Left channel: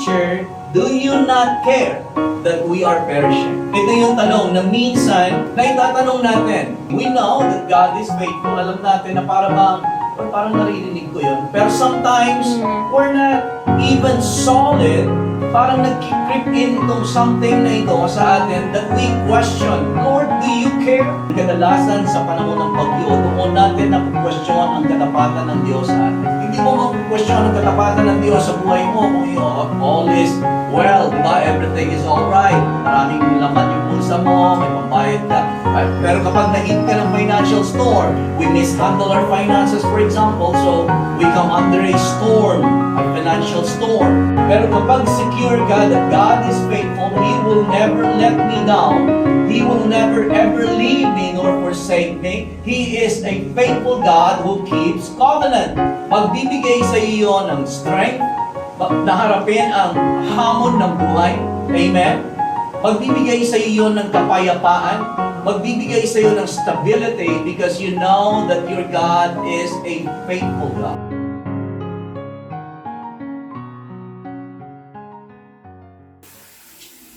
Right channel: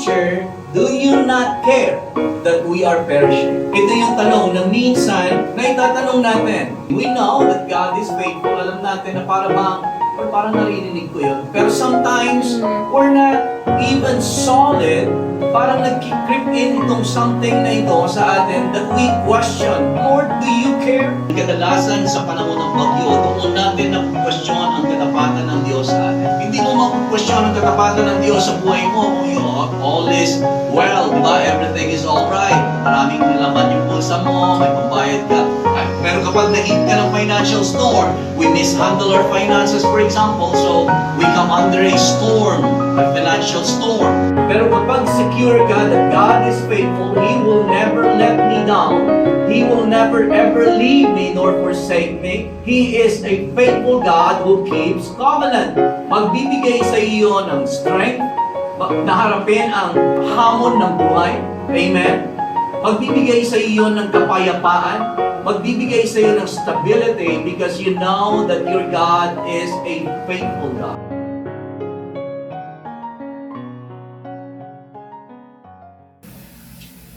Teacher, do you not care that we are perishing? Ito yung tanong na minsan na itatanong natin. We know that God is faithful. Alam natin na parang naririnig ko yun. Pero sometimes, we're not even solid. Parang nag-creep in itong something na ito sa atin that we question, Lord, do you care? Kadalasan sa panahon ng bagyo, doon natin na-question ang katapatan ng Diyos sa atin. Hindi mo mag-question ang katapatan ng Diyos sa buhay mo kung all is well, di ba? Everything is alright. Maraming laman yung pulsa mo, may pambayad ka. Pero kapag na-hit ka ng financial storm, we mishandle our finances, for example, so we come under a storm, a financial storm. Pero kapag secure ka that God is faithful, He will never let me down. He will never ever leave me nor forsake me. He is a faithful God who keeps covenant. Magbibigay sa iyo ng strength na harapin ang hamon ng buhay. Amen? Magbibigay sa iyo ng kapayapaan. Magbibigay sa iyo ng stability because you know that your God is a faithful God.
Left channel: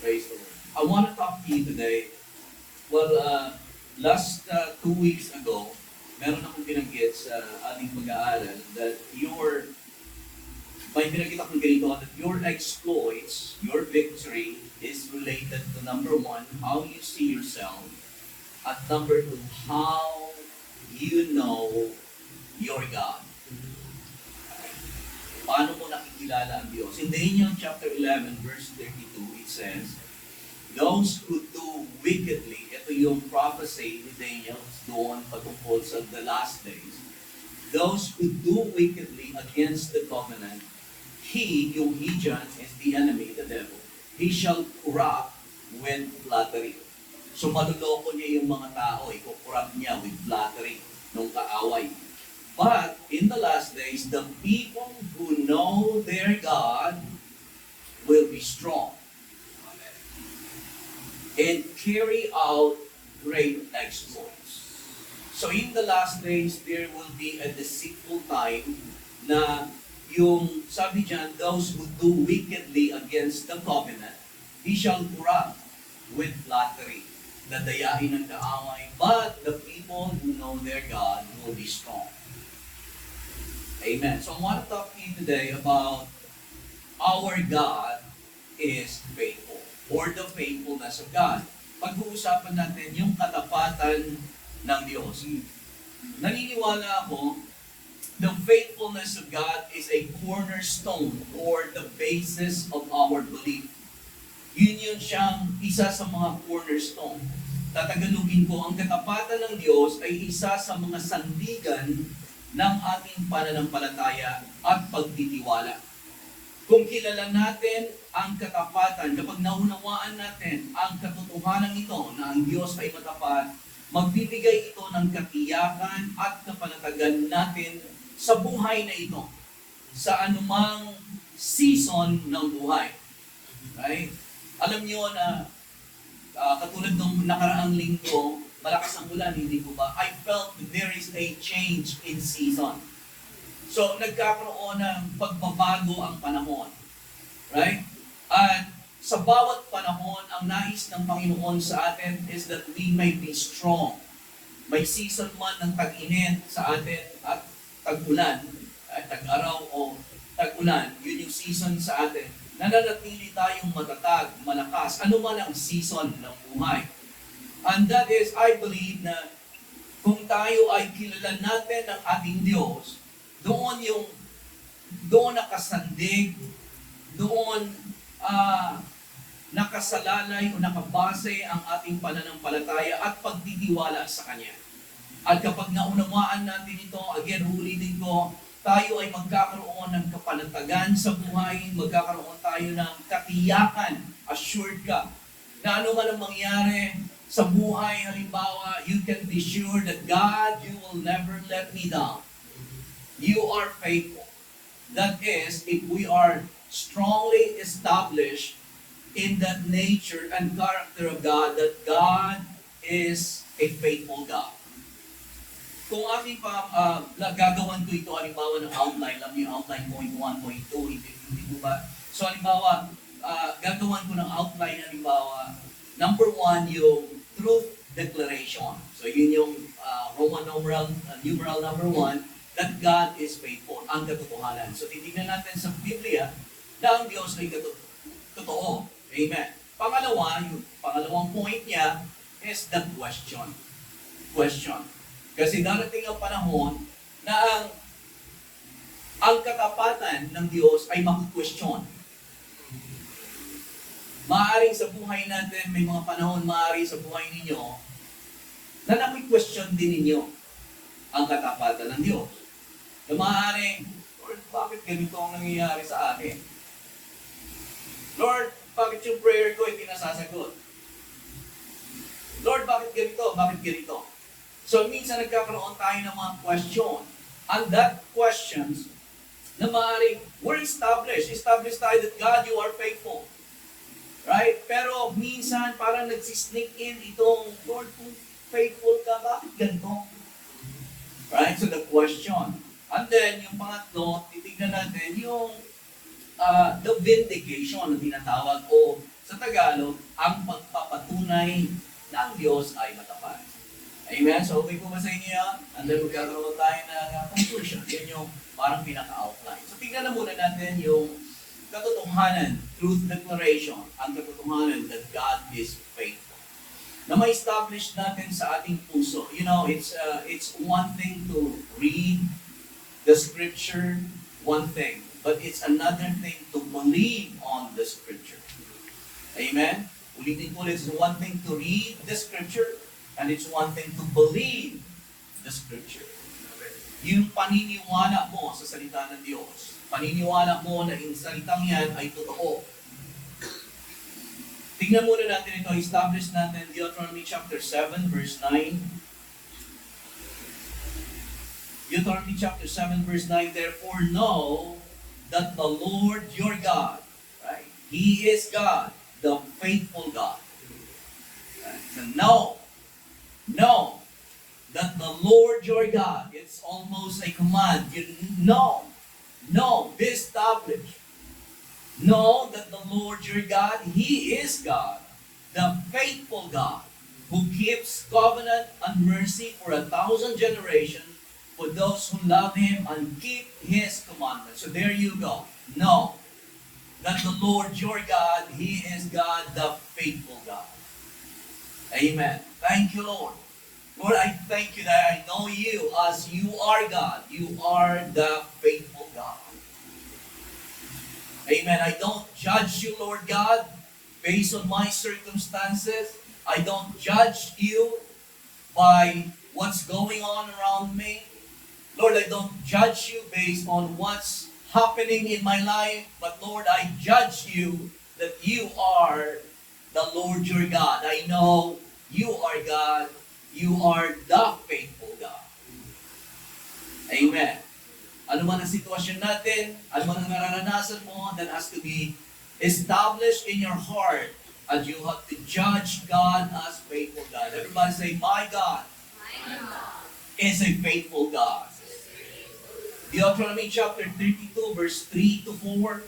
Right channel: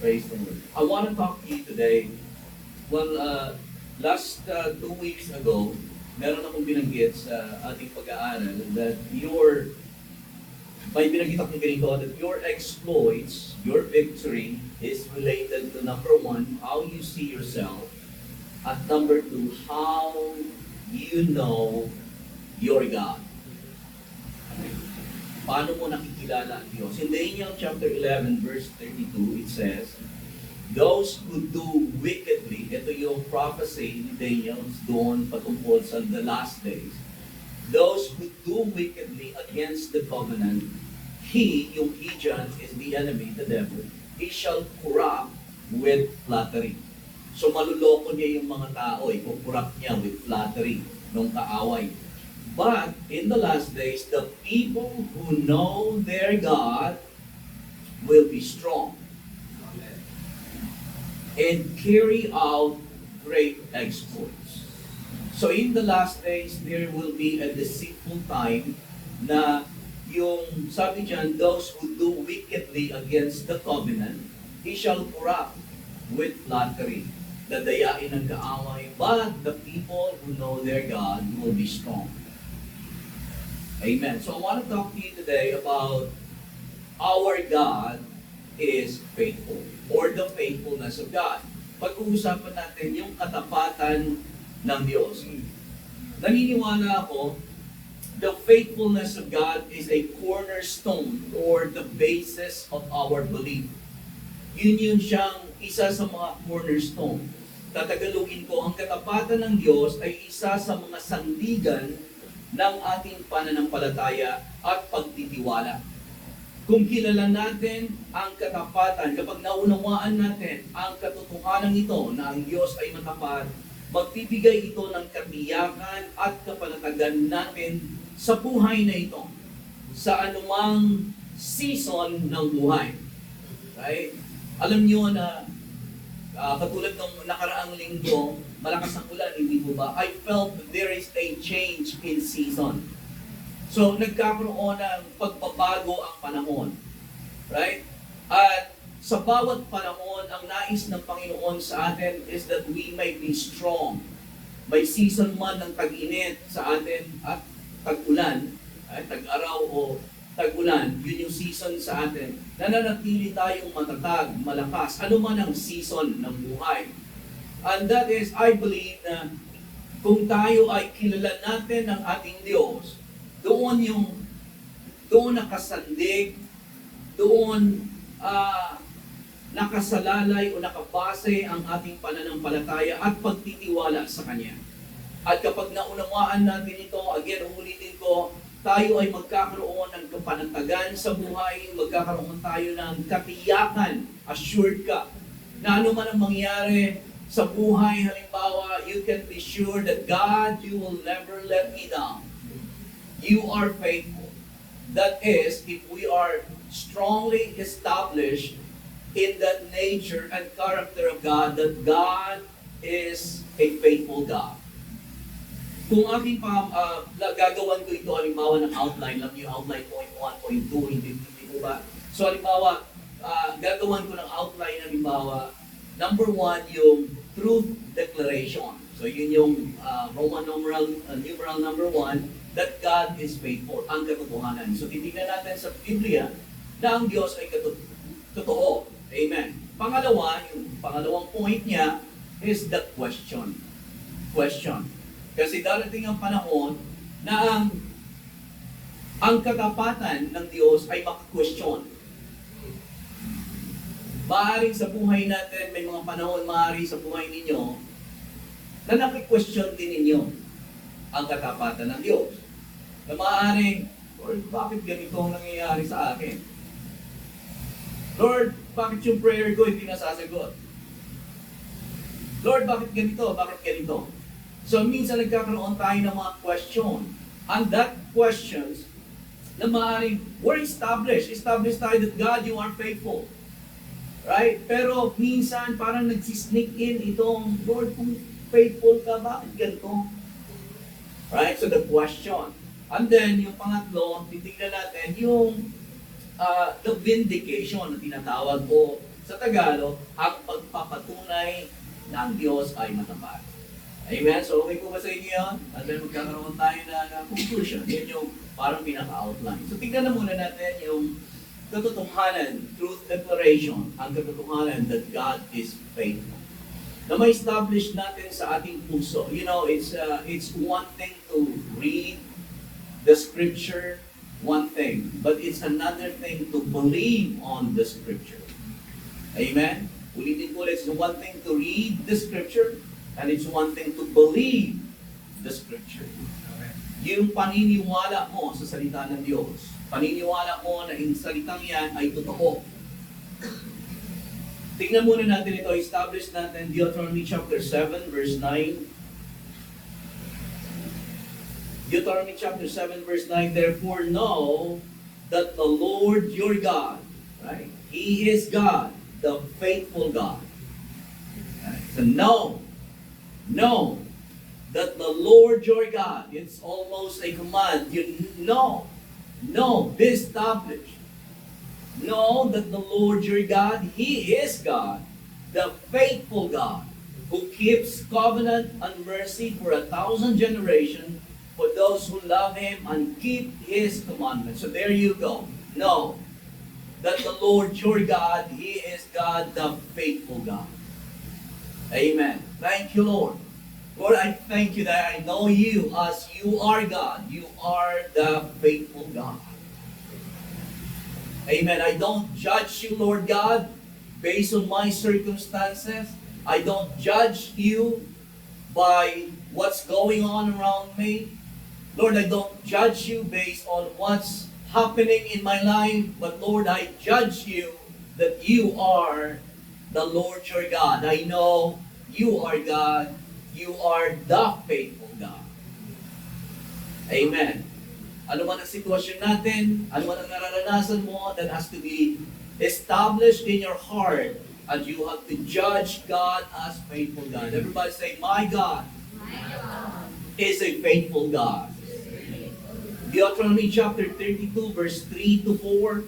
Praise the Lord. I want to talk to you today. Well, last 2 weeks ago, meron akong binanggit sa ating pag-aaral that may binanggit akong ganito, that your exploits, your victory is related to number 1, how you see yourself, at number 2, how you know your God. Paano mo nakikilala ang Diyos? In Daniel chapter 11, verse 32, it says, those who do wickedly, ito yung prophecy ni Daniel doon patungkol sa the last days. Those who do wickedly against the covenant, yung he dyan is the enemy, the devil, he shall corrupt with flattery. So maluloko niya yung mga tao, ikukorrupt niya with flattery, nung kaaway. But in the last days, the people who know their God will be strong and carry out great exploits. So in the last days, there will be a deceitful time na yung sabi dyan, those who do wickedly against the covenant, he shall corrupt with flattery. Dadayain ng kaaway, but the people who know their God will be strong. Amen. So I want to talk to you today about our God is faithful, or the faithfulness of God. Pag-uusapan natin yung katapatan ng Diyos. Naniniwala ako, the faithfulness of God is a cornerstone or the basis of our belief. Yun siyang isa sa mga cornerstone. Tatagalogin ko, ang katapatan ng Diyos ay isa sa mga sandigan ng ating pananampalataya at pagtitiwala. Kung kilala natin ang katapatan, kapag naunawaan natin ang katotohanan ito na ang Diyos ay matapat, magbibigay ito ng katiyakan at kapanatagan natin sa buhay na ito, sa anumang season ng buhay. Right? Alam niyo na katulad ng nakaraang linggo, malakas ang ulan, hindi po ba? I felt there is a change in season. So, nagkakaroon ng pagbabago ang panahon. Right? At sa bawat panahon, ang nais ng Panginoon sa atin is that we may be strong. May season man ng tag-init sa atin at tag-ulan, tag-araw o tag-ulan, yun yung season sa atin. Nananatili tayong matatag, malakas, ano man ang season ng buhay. And that is, I believe na kung tayo ay kilala natin ng ating Diyos, doon nakasandig, doon nakasalalay o nakabase ang ating pananampalataya at pagtitiwala sa Kanya. At kapag naunawaan natin ito, again, ulitin ko, tayo ay magkakaroon ng kapanatagan sa buhay, magkakaroon tayo ng katiyakan, assured ka, na ano man ang mangyari sa buhay, halimbawa, you can be sure that God, you will never let me down. You are faithful. That is, if we are strongly established in that nature and character of God, that God is a faithful God. Kung aking gagawan ko ito, halimbawa ng outline, alam niyo outline point 1, point 2, hindi po ba? So halimbawa, gagawin ko ng outline, halimbawa, number 1, yung truth declaration. So yun yung Roman numeral number 1, that God is faithful, ang katotohanan. So titignan natin sa Biblia na ang Diyos ay totoo. Amen. Pangalawa, yung pangalawang point niya is the question. Question. Kasi darating ang panahon na ang katapatan ng Diyos ay maki-question. Maaaring sa buhay natin, may mga panahon maaari sa buhay ninyo na naki-question din ninyo ang katapatan ng Diyos. Na maaaring, Lord, bakit ganito ang nangyayari sa akin? Lord, bakit yung prayer ko hindi nasasagot? Lord, bakit ganito? Bakit ganito? So, minsan nagkakaroon tayo ng mga question. And that questions na maaaring, we're established. Established tayo that God, you are faithful. Right? Pero minsan parang nagsisneak in itong, Lord, kung faithful ka, bakit ganito? Right? So the question. And then, yung pangatlo, titignan natin yung the vindication na tinatawag o sa Tagalog, ang pagpapatunay na ang Diyos ay matapat. Amen? So, okay po ba sa inyo yan? And then, magkakaroon tayo na conclusion. Yan yung parang pinaka-outline. So, tignan na muna natin yung katotohanan, truth declaration, ang katotohanan that God is faithful. Na ma-establish natin sa ating puso. You know, it's one thing to read the scripture, one thing. But it's another thing to believe on the scripture. Amen? Ulitin ko ulit, it's one thing to read the scripture, and it's one thing to believe the scripture. Yung paniniwala mo sa salita ng Diyos. Paniniwala mo na yung salitang yan ay totoo. Tingnan muna natin ito, establish natin Deuteronomy chapter 7 verse 9. Deuteronomy chapter 7 verse 9, therefore know that the Lord your God, right? He is God, the faithful God. Right? So know that the Lord your God, it's almost a command. You know, be established. Know that the Lord your God, He is God, the faithful God, who keeps covenant and mercy for 1,000 generations for those who love Him and keep His commandments. So there you go. Know that the Lord your God, He is God, the faithful God. Amen. Thank you, Lord. Lord, I thank you that I know you as you are God. You are the faithful God. Amen. I don't judge you, Lord God, based on my circumstances. I don't judge you by what's going on around me. Lord, I don't judge you based on what's happening in my life. But Lord, I judge you that you are the Lord your God. I know you are God. You are the faithful God. Amen. Ano man ang sitwasyon natin, ano man ang nararanasan mo, that has to be established in your heart, and you have to judge God as faithful God. Everybody say, my God, is a faithful God. Deuteronomy chapter 32, verse 3 to 4.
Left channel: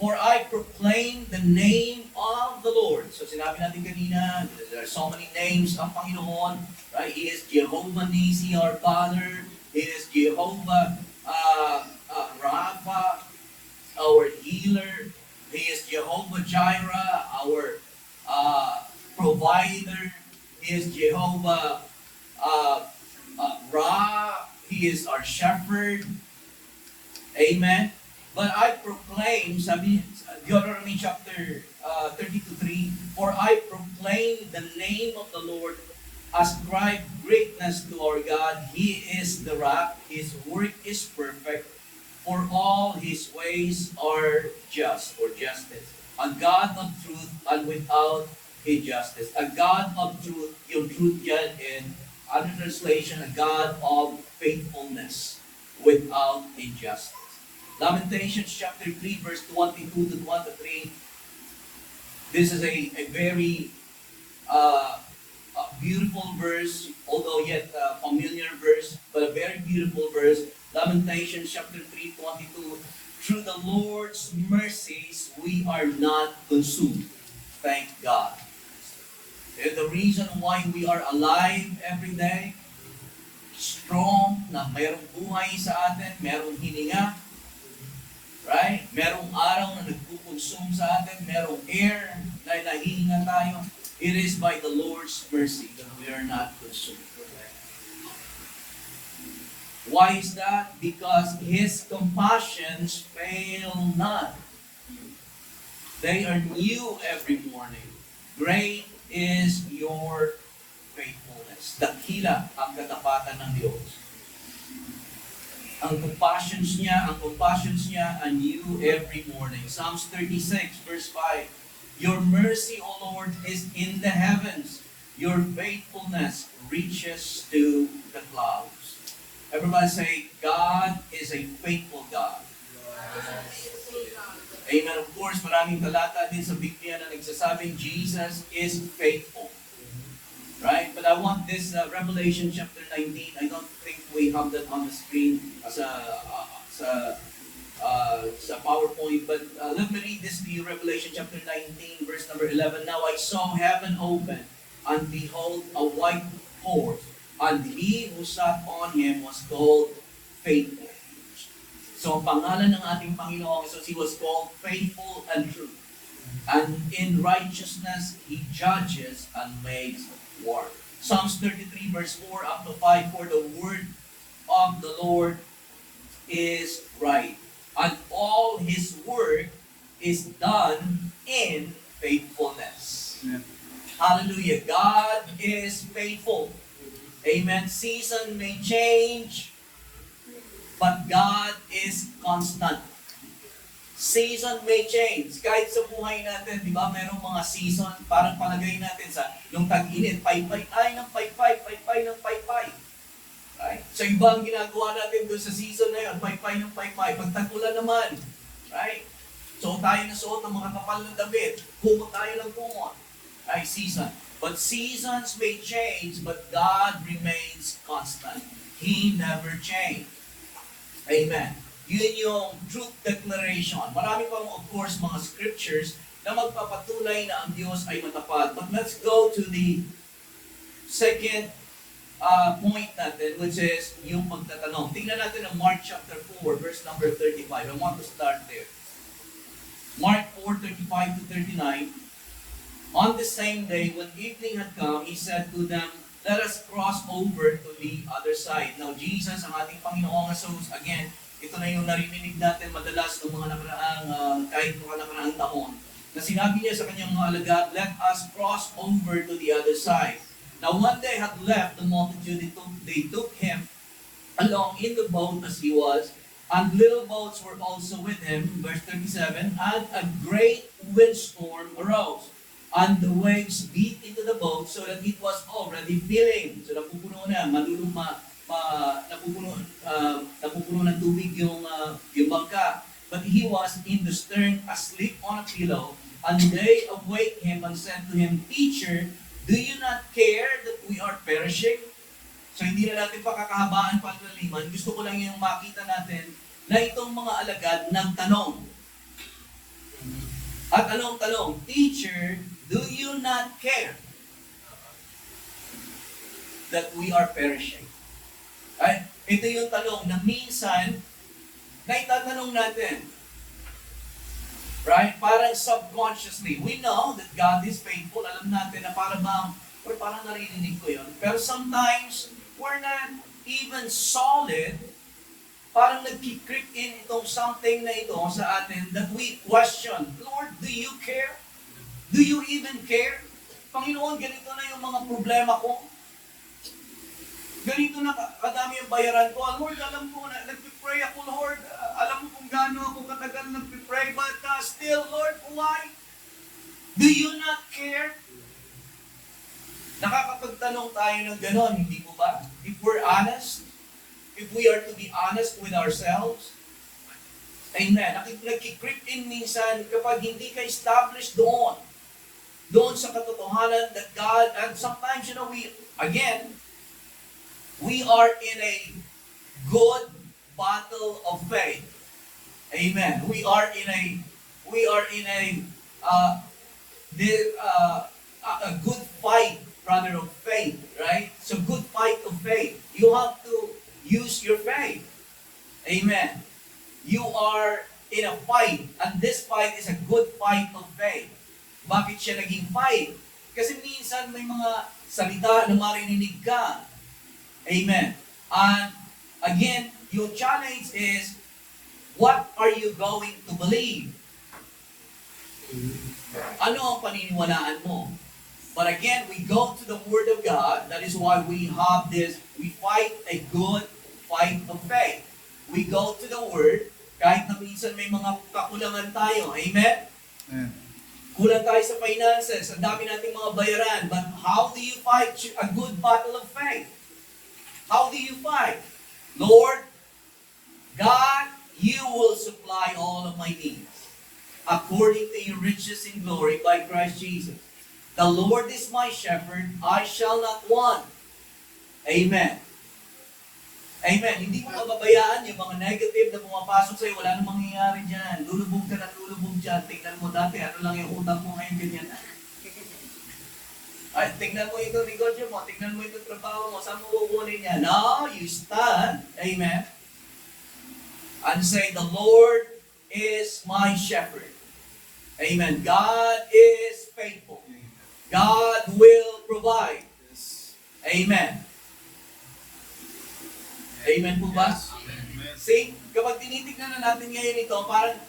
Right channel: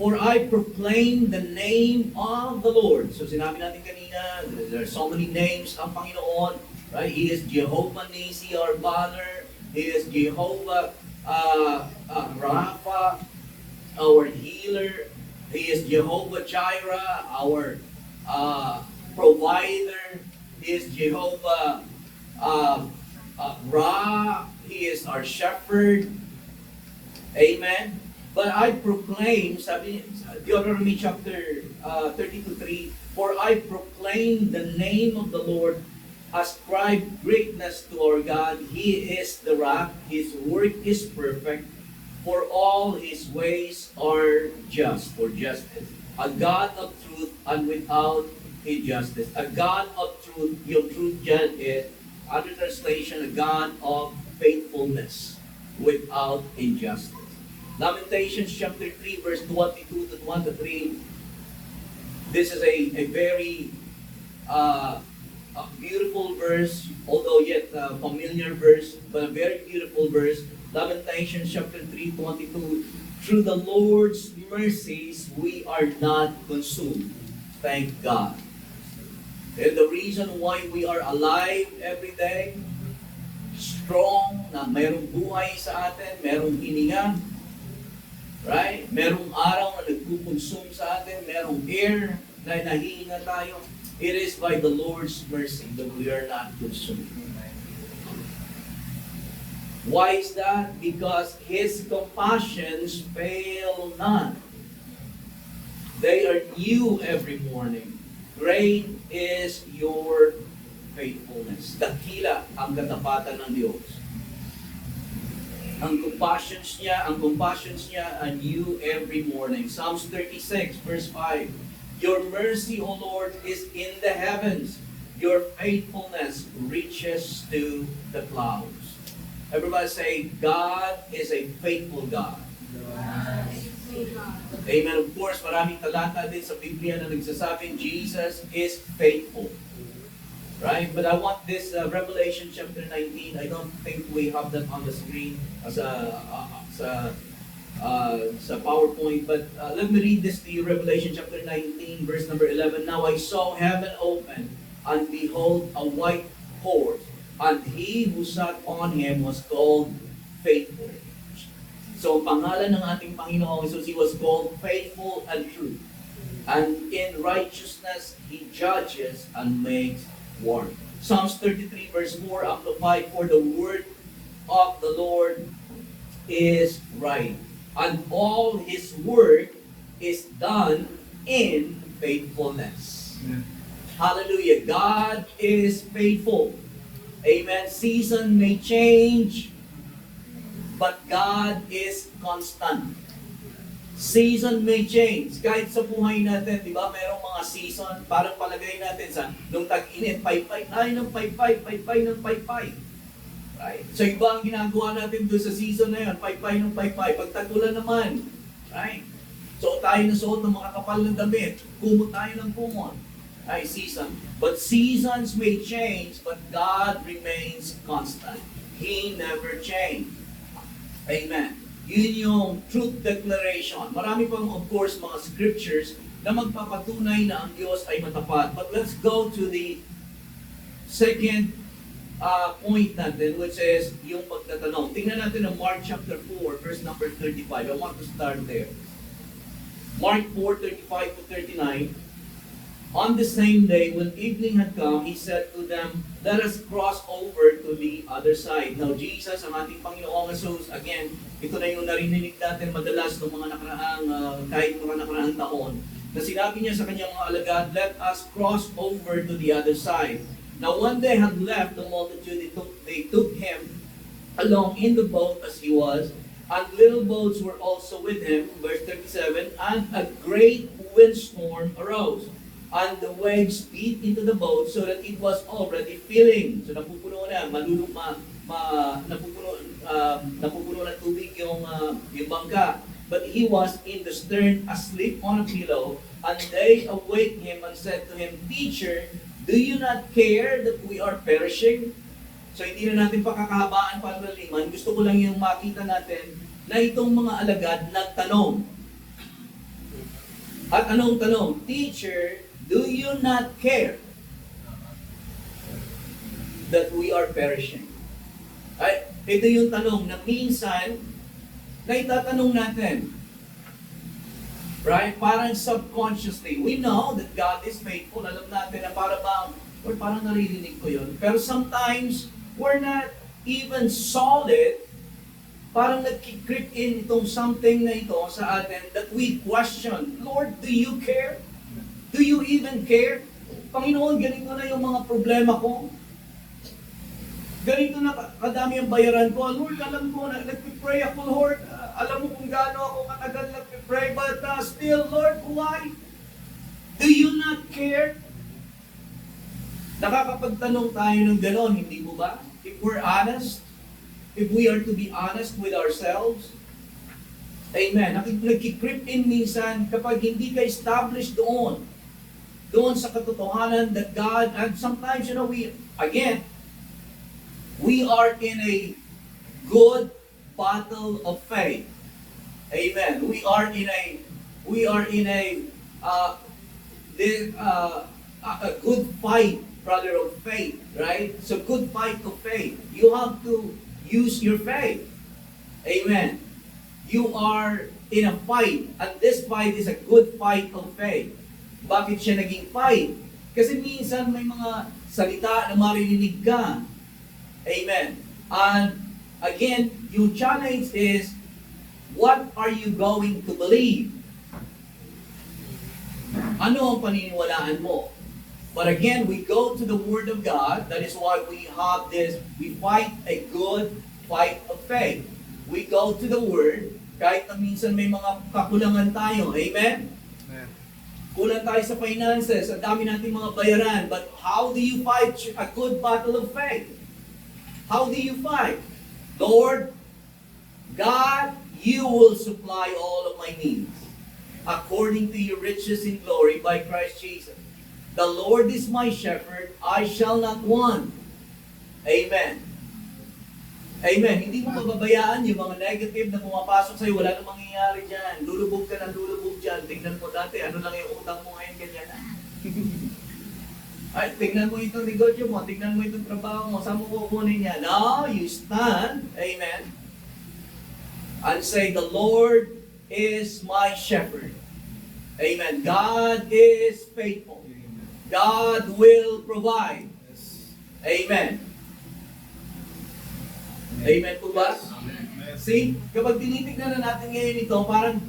For I proclaim the name of the Lord. So sinabi natin kanina, there are so many names ang Panginoon. Right? He is Jehovah Nisi, our banner. He is Jehovah Rapha, our healer. He is Jehovah Jireh, our provider. He is Jehovah Ra. He is our shepherd. Amen. But I proclaim, sabi Deuteronomy chapter 32:3, for I proclaim the name of the Lord, ascribe greatness to our God. He is the rock, His work is perfect, for all His ways are just, or justice. A God of truth and without injustice. A God of truth, yung truth dyan is, under translation, a God of faithfulness without injustice. Lamentations chapter 3 verse 22 to 23. This is a very beautiful verse, although yet familiar verse, but a very beautiful verse. Lamentations chapter 3, 22 through the Lord's mercies, we are not consumed. Thank God. And the reason why we are alive every day, strong, na mayroong buhay sa atin, mayroong hininga, right? Merong araw na nagkukonsume sa atin, merong air na nahihinga tayo. It is by the Lord's mercy that we are not consumed. Why is that? Because His compassions fail not. They are new every morning. Great is your faithfulness. Dakila ang katapatan ng Diyos. Ang compassions niya are new every morning. Psalms 36 verse 5. Your mercy, O Lord, is in the heavens. Your faithfulness reaches to the clouds. Everybody say, God is a faithful God. Amen. Of course, maraming talata din sa Biblia na nagsasabing Jesus is faithful. Right? But I want this Revelation chapter 19. I don't think we have that on the screen as sa PowerPoint. But let me read this to you. Revelation chapter 19, verse number 11. Now I saw heaven open, and behold, a white horse, and he who sat on him was called Faithful. So, pangalan ng ating Panginoong Jesus, He was called Faithful and True. And in righteousness, He judges and makes war. Psalms 33 verse 4 up to 5, for the word of the Lord is right, and all His work is done in faithfulness. Amen. Hallelujah. God is faithful. Amen. Season may change, but God is constant. Season may change. Kahit sa buhay natin, di ba, mayroong mga season, parang palagay natin sa, nung tag-init, paypay, ay ng paypay, paypay ng paypay. Right? So iba ang ginagawa natin doon sa season na yun, paypay ng paypay. Pag tag-ulan naman, right? Suot tayo ng suot ng mga kapal ng damit, kumot tayo ng kumot. Right? Season. But seasons may change, but God remains constant. He never changed. Amen. Yun yung truth declaration. Marami pang, of course, mga scriptures na magpapatunay na ang Diyos ay matapat. But let's go to the second point natin, which is yung pagtatanong. Tingnan natin ang Mark chapter 4, verse number 35. I want to start there. Mark 4:35 to 39. On the same day, when evening had come, He said to them, let us cross over to the other side. Now, Jesus, ang ating Panginoong Jesus, again, ito na yung narinig natin madalas ng mga kahit mga nakaraang taon, na sinabi niya sa kanyang mga alagad, let us cross over to the other side. Now, when they had left the multitude, they took Him along in the boat as He was, and little boats were also with Him, verse 37, and a great windstorm arose. And the waves beat into the boat so that it was already filling. So napupuno na, napupuno ng tubig yung bangka. But He was in the stern asleep on a pillow, and they awake Him and said to Him, Teacher, do you not care that we are perishing? So hindi na natin pakakahabaan para laliman. Gusto ko lang yung makita natin na itong mga alagad nagtanong. At anong tanong? Teacher, do you not care that we are perishing? Ay, ito yung tanong na minsan na itatanong natin. Right? Parang subconsciously. We know that God is faithful. Alam natin na parang naririnig ko yun. Pero sometimes, we're not even solid. Parang nag-creep in itong something na ito sa atin that we question, Lord, do you care? Do you even care? Panginoon, ganito na yung mga problema ko. Ganito na kadami ang bayaran ko. Lord, alam ko na nagpipray ako, Lord. Alam mo kung gaano ako katagal nagpipray. But still, Lord, why? Do you not care? Nakakapagtanong tayo ng ganon, hindi po ba? If we're honest, if we are to be honest with ourselves, amen. Nagkikreep in minsan kapag hindi ka established doon sa katotohanan that God, and sometimes, we are in a good battle of faith. Amen. Uh, a good fight, brother, of faith, right? So good fight of faith. You have to use your faith. Amen. You are in a fight, and this fight is a good fight of faith. Bakit siya naging fight? Kasi minsan may mga salita na maririnig ka. Amen. And again, yung challenge is, what are you going to believe? Ano ang paniniwalaan mo? But again, we go to the Word of God. That is why we have this, we fight a good fight of faith. We go to the Word, kahit na minsan may mga kakulangan tayo. Amen? Amen. Kulang tayo sa finances, ang dami nating mga bayaran. But how do you fight a good battle of faith? How do you fight? Lord, God, you will supply all of my needs according to your riches in glory by Christ Jesus. The Lord is my shepherd, I shall not want. Amen. Amen. Hindi mo pababayaan yung mga negative na pumapasok sa'yo, wala nang mangyayari dyan. Lulubog ka ng lulubog dyan. Tingnan mo dati, ano lang yung utang mo ngayon, ganyan. Ay, tingnan mo itong negosyo mo, tingnan mo itong trabaho mo, saan mo kukunin niya? No, you stand. Amen. And say, the Lord is my shepherd. Amen. God is faithful. God will provide. Amen. Amen po ba? See, kapag tinitignan na natin ngayon ito, parang,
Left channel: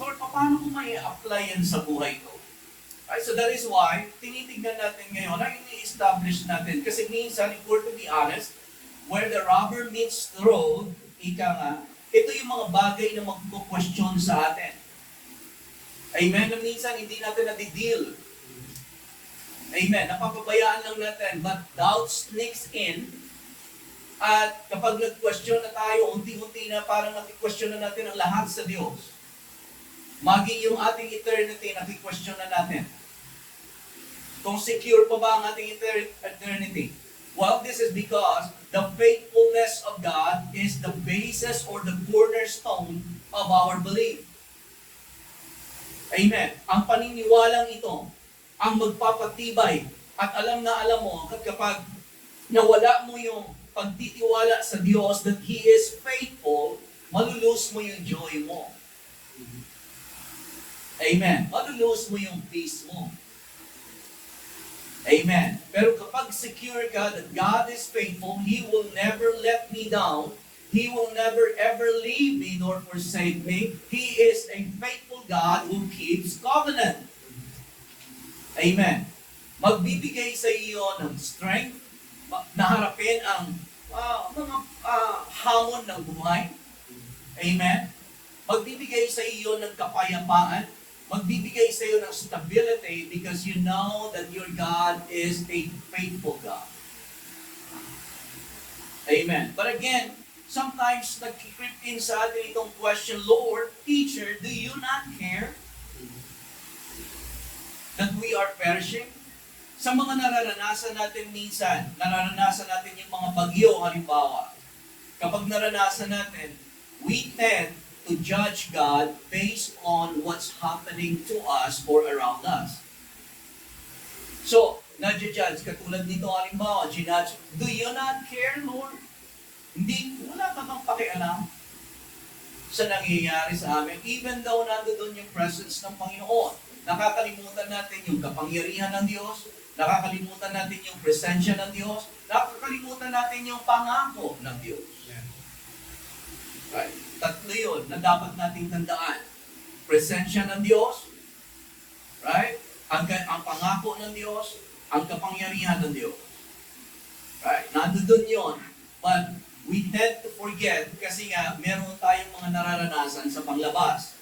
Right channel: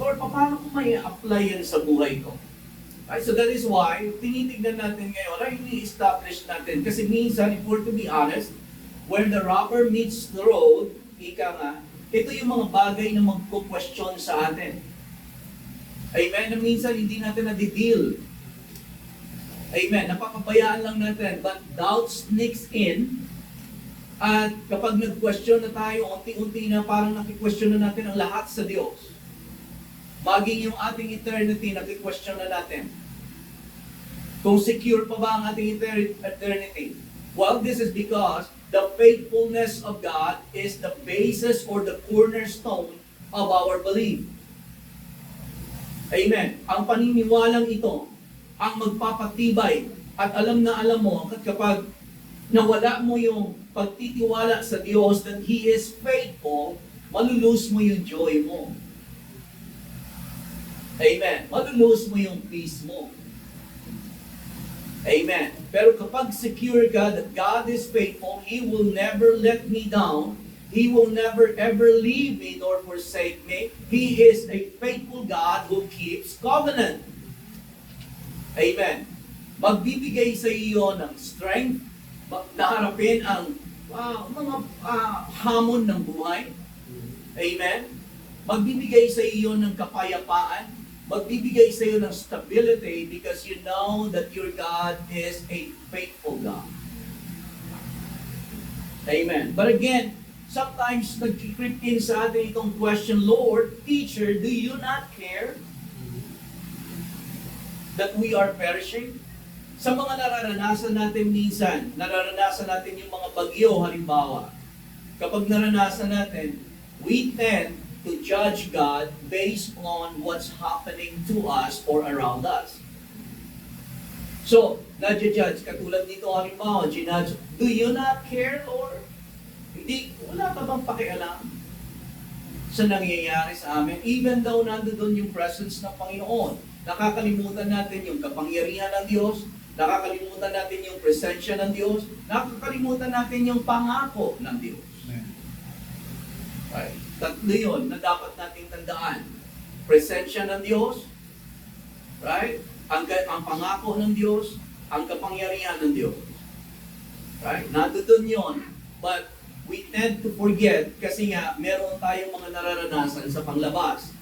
Lord, paano ko may apply yan sa buhay ko? Right, so that is why, tinitignan natin ngayon, ay ini-establish natin. Kasi minsan, if we're to be honest, where the rubber meets the road, ika nga, ito yung mga bagay na magpo-question sa atin. Amen? Na minsan, hindi natin na-deal. Amen? Napapabayaan lang natin. But doubt sneaks in. At kapag nag-question na tayo, unti-unti na parang naki-question na natin ang lahat sa Diyos. Maging yung ating eternity, naki-question na natin. Kung secure pa ba ang ating eternity? Well, this is because the faithfulness of God is the basis or the cornerstone of our belief. Amen. Ang paniniwalang ito, ang magpapatibay, at alam na alam mo, at kapag nawala mo yung pagtitiwala sa Diyos that He is faithful, malulose mo yung joy mo. Amen. Malulose mo yung peace mo. Amen. Pero kapag secure ka that God is faithful, He will never let me down. He will never ever leave me nor forsake me. He is a faithful God who keeps covenant. Amen. Magbibigay sa iyo ng strength na harapin ang mga hamon ng buhay. Amen. Magbibigay sa iyo ng kapayapaan. Magbibigay sa iyo ng stability because you know that your God is a faithful God. Amen. But again, sometimes nag-creep in sa atin itong question, Lord, Teacher, do you not care that we are perishing? Sa mga nararanasan natin minsan, nararanasan natin yung mga bagyo halimbawa. Kapag naranasan natin, we tend to judge God based on what's happening to us or around us. So, nadja-judge, katulad nito halimbawa, ginudge, do you not care, Lord? Hindi, wala ka bang pakialam sa nangyayari sa amin? Even though nandoon yung presence ng Panginoon, nakakalimutan natin yung kapangyarihan ng Diyos, nakakalimutan natin yung presensya ng Diyos, nakakalimutan natin yung pangako ng Diyos. Right? Tatlo yun na dapat nating tandaan. Presensya ng Diyos, right? Ang pangako ng Diyos, ang kapangyarihan ng Diyos. Right? Nandoon yun. But we tend to forget kasi nga meron tayong mga nararanasan sa panglabas.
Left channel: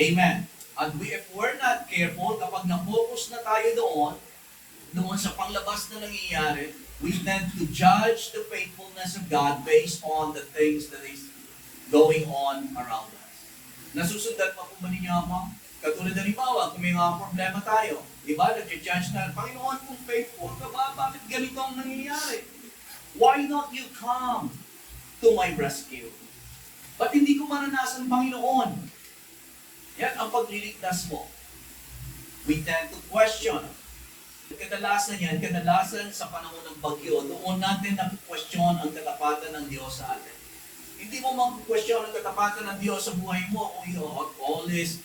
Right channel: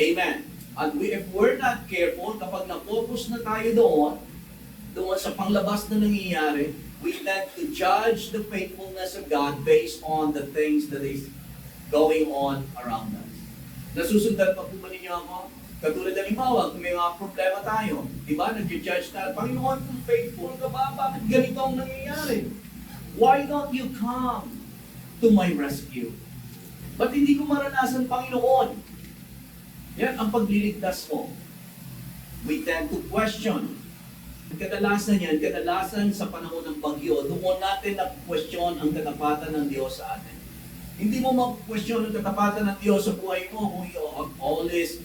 Amen. And if we're not careful, kapag na-focus na tayo doon sa panglabas na nangyayari, we tend to judge the faithfulness of God based on the things that is going on around us. Nasusundan pa po ba ninyo ako? Katulad na halimbawa, kung may mga problema tayo, di ba, nag-judge na, Panginoon, kung faithful ka ba, bakit ganito ang nangyayari? Why not you come to my rescue? Ba't hindi ko maranasan, Panginoon? Yan ang pagliligtas mo. We tend to question. Kadalasan sa panahon ng bagyo, doon natin na-question ang katapatan ng Diyos sa atin. Hindi mo mag-question ang katapatan ng Diyos sa buhay mo kung all is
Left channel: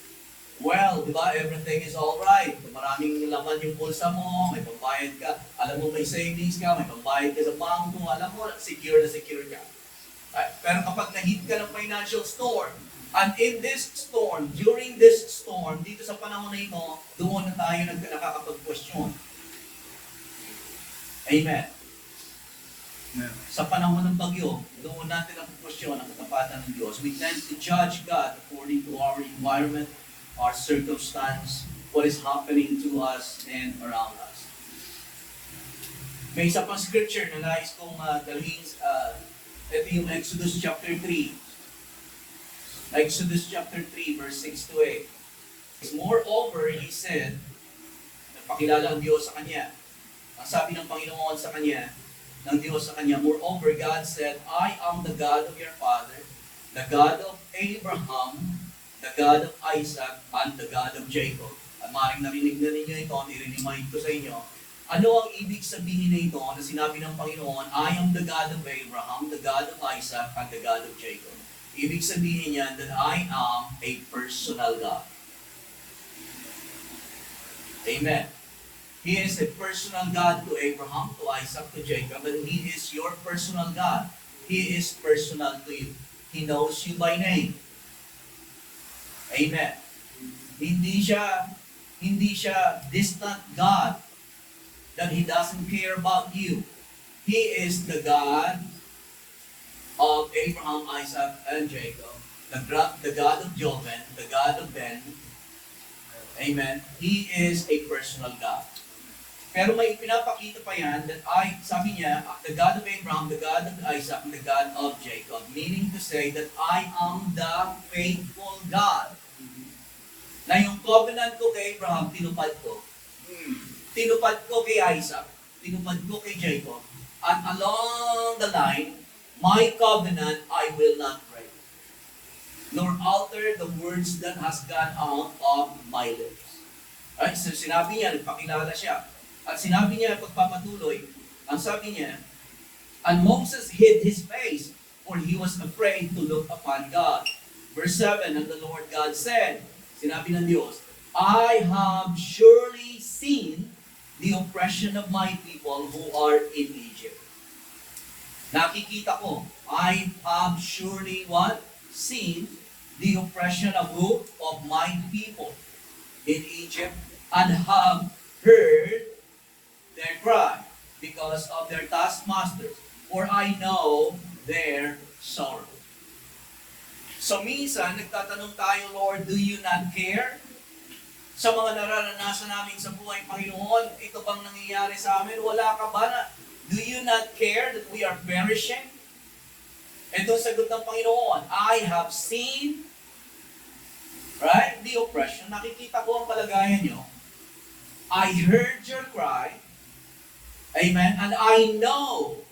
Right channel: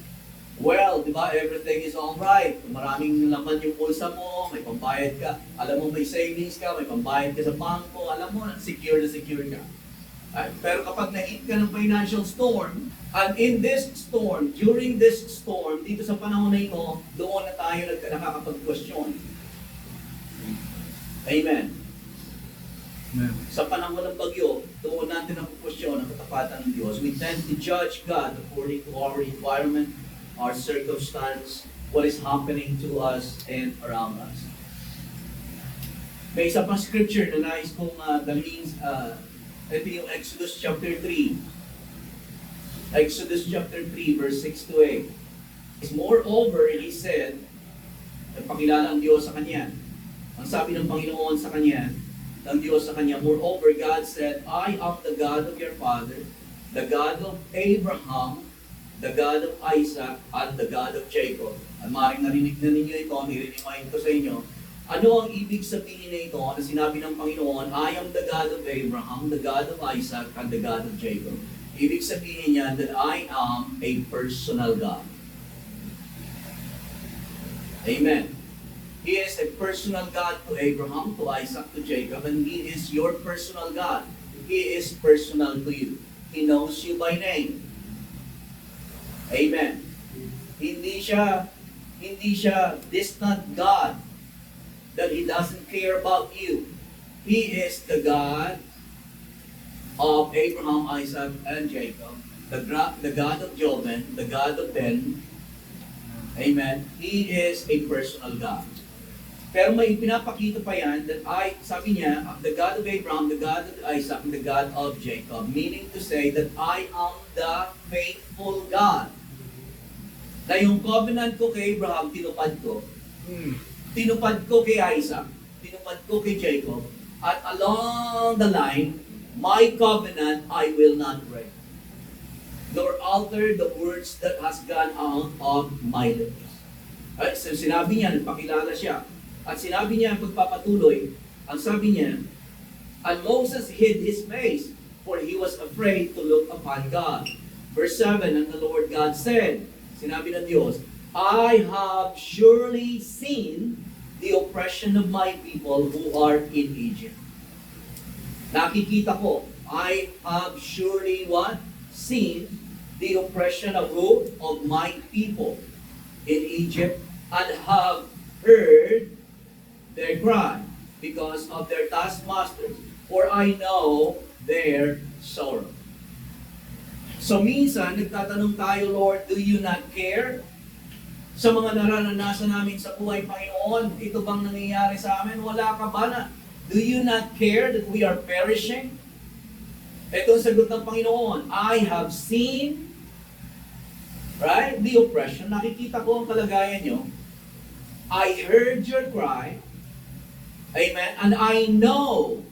well, di ba? Everything is all right. Maraming laman yung pulsa mo, may pambayad ka, alam mo may savings ka, may pambayad ka sa bangko, alam mo secure ka. Pero kapag na-hit ka ng financial storm, and in this storm, during this storm, dito sa panahon na ito, doon na tayo nakakapag-question. Amen. Sa panahon ng bagyo, doon natin ang question ang katapatan ng Diyos. We tend to judge God according to our environment, our circumstance, what is happening to us and around us. May isa pang scripture na nais kong dalhin. Ito yung Exodus chapter 3. Exodus chapter 3 verse 6 to 8. Moreover, he said, nagpakilala ang Diyos sa kanya. Ang sabi ng Panginoon sa kanya, ng Diyos sa kanya, moreover, God said, I am the God of your father, the God of Abraham, the God of Isaac, and the God of Jacob. At maaaring narinig na ninyo ito, nire-remind ko sa inyo, ano ang ibig sabihin na ito na sinabi ng Panginoon, I am the God of Abraham, the God of Isaac, and the God of Jacob. Ibig sabihin niya that I am a personal God. Amen. He is a personal God to Abraham, to Isaac, to Jacob, and He is your personal God. He is personal to you. He knows you by name. Amen. Hindi siya distant God that He doesn't care about you. He is the God of Abraham, Isaac, and Jacob, the God of Joben, the God of Ben. Amen. He is a personal God. Pero may pinapakita pa yan that sabi niya, the God of Abraham, the God of Isaac, and the God of Jacob. Meaning to say that I am the faithful God. Na yung covenant ko kay Abraham, tinupad ko. Tinupad ko kay Isaac, tinupad ko kay Jacob. At along the line, my covenant I will not break, nor alter the words that has gone out of my lips. Right? So sinabi niya, nagpakilala siya. At sinabi niya, pagpapatuloy, ang sabi niya, and Moses hid his face, for he was afraid to look upon God. Verse 7, and the Lord God said, sinabi ng Diyos, I have surely seen the oppression of my people who are in Egypt. Nakikita ko, I have surely what? Seen the oppression of who? Of my people in Egypt, and have heard their cry because of their taskmasters, for I know their sorrow. So minsan, nagtatanong tayo, Lord, do you not care? Sa mga nararanasan namin sa buhay, Panginoon, ito bang nangyayari sa amin? Wala ka ba na? Do you not care that we are perishing? Ito ang sagot ng Panginoon, I have seen, right, the oppression. Nakikita ko ang kalagayan nyo. I heard your cry. Amen. And I know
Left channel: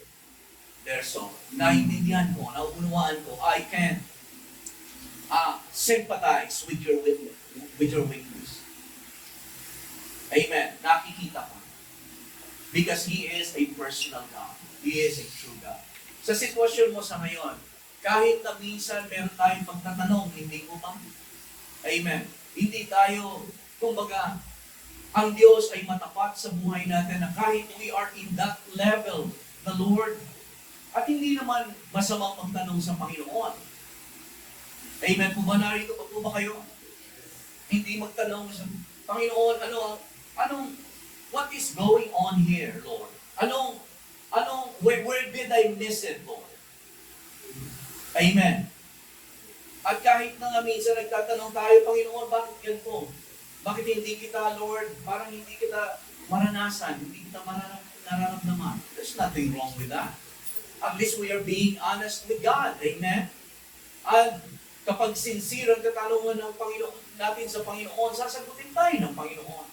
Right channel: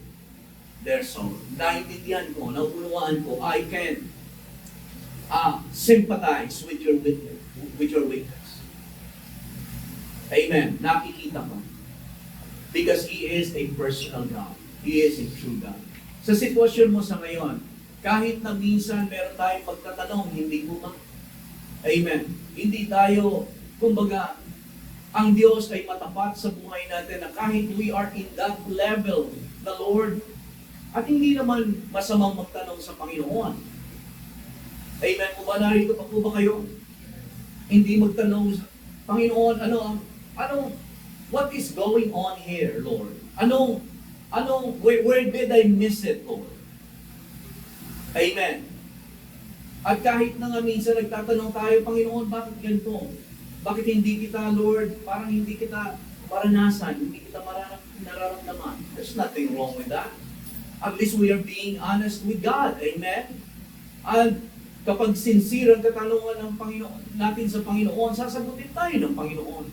their sorrow. Naintindihan ko, nauunawaan ko, I can sympathize with your weakness. Amen. Nakikita ko. Because He is a personal God. He is a true God. Sa sitwasyon mo sa ngayon, kahit na minsan meron tayong pagtatanong, hindi ko ba? Amen. Hindi tayo, kumbaga, ang Diyos ay matapat sa buhay natin na kahit we are in that level, the Lord, at hindi naman masamang magtanong sa Panginoon. Amen po ba? Narito pa po ba kayo? Hindi magtanong sa Panginoon, what is going on here, Lord? Where did I miss it, Lord? Amen. At kahit na nga minsan nagtatanong tayo, Panginoon, bakit ganito? Bakit hindi kita, Lord, parang hindi kita maranasan, hindi kita nararamdaman? There's nothing wrong with that. At least we are being honest with God. Amen? And kapag sincere ang katanungan ng Panginoon, natin sa Panginoon, sasagutin tayo ng Panginoon.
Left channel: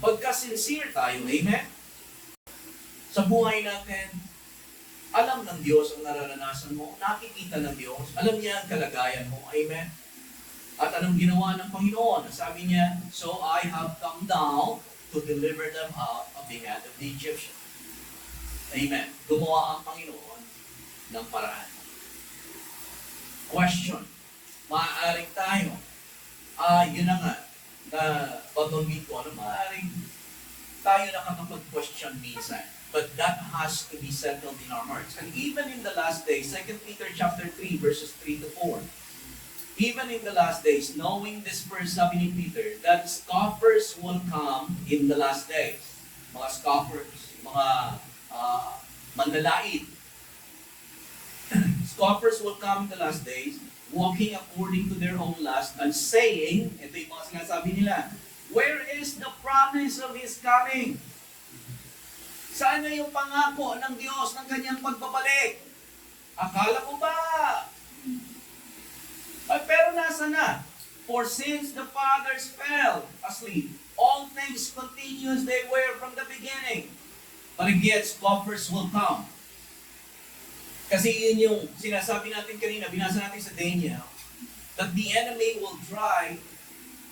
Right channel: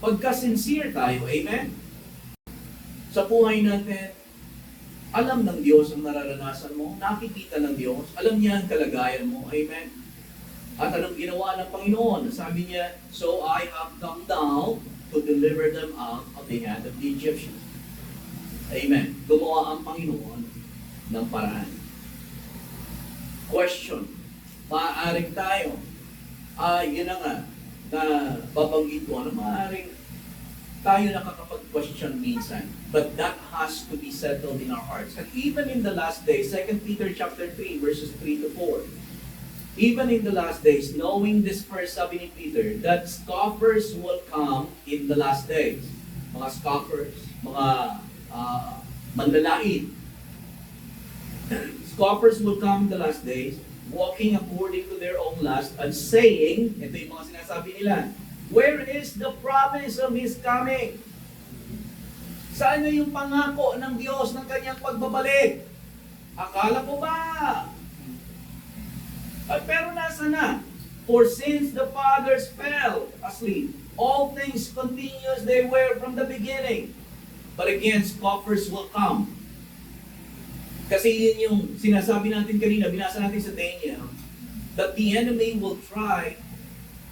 Pagka sincere tayo, amen? Sa buhay natin, Alam ng Diyos ang nararanasan mo, nakikita ng Diyos, alam niya ang kalagayan mo. Amen? At anong ginawa ng Panginoon? Sabi niya, so I have come down to deliver them out of the hand of the Egyptians. Amen. Gumawa ang Panginoon ng paraan. Question. Maaaring tayo, yun na nga, na babanggit ko, maaaring tayo nakakapag-question minsan. But that has to be settled in our hearts. And even in the last days, 2 Peter chapter 3, verses 3 to 4, even in the last days, knowing this first, sabi ni Peter, that scoffers will come in the last days. Mga scoffers, mga mandalait. Scoffers will come in the last days, walking according to their own lust, and saying, ito yung mga sinasabi nila, where is the promise of His coming? Saan na yung pangako ng Diyos ng kanyang pagbabalik? Akala ko ba? Pero nasa na? For since the fathers fell asleep, all things continue as they were from the beginning. But again, scoffers will come. Kasi yun yung sinasabi natin kanina, binasa natin sa Daniel, that the enemy will try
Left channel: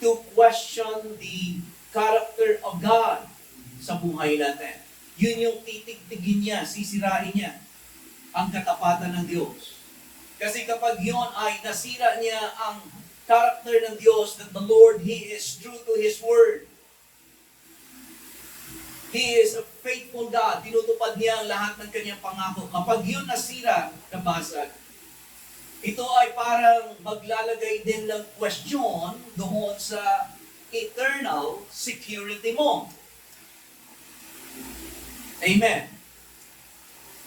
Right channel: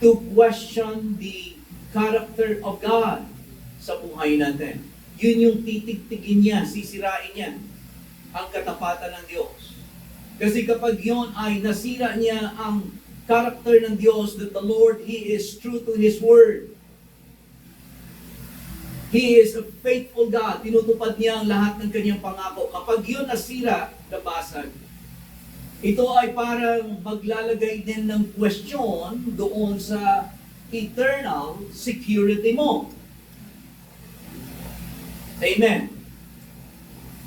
to question the character of God sa buhay natin. Yun yung titigtigin niya, sisirain niya ang katapatan ng Diyos. Kasi kapag yun ay nasira niya ang character ng Diyos, that the Lord, He is true to His Word. He is a faithful God. Tinutupad niya ang lahat ng kanyang pangako. Kapag yun nasira, nabasag, ito ay parang maglalagay din ng question doon sa eternal security mo. Amen.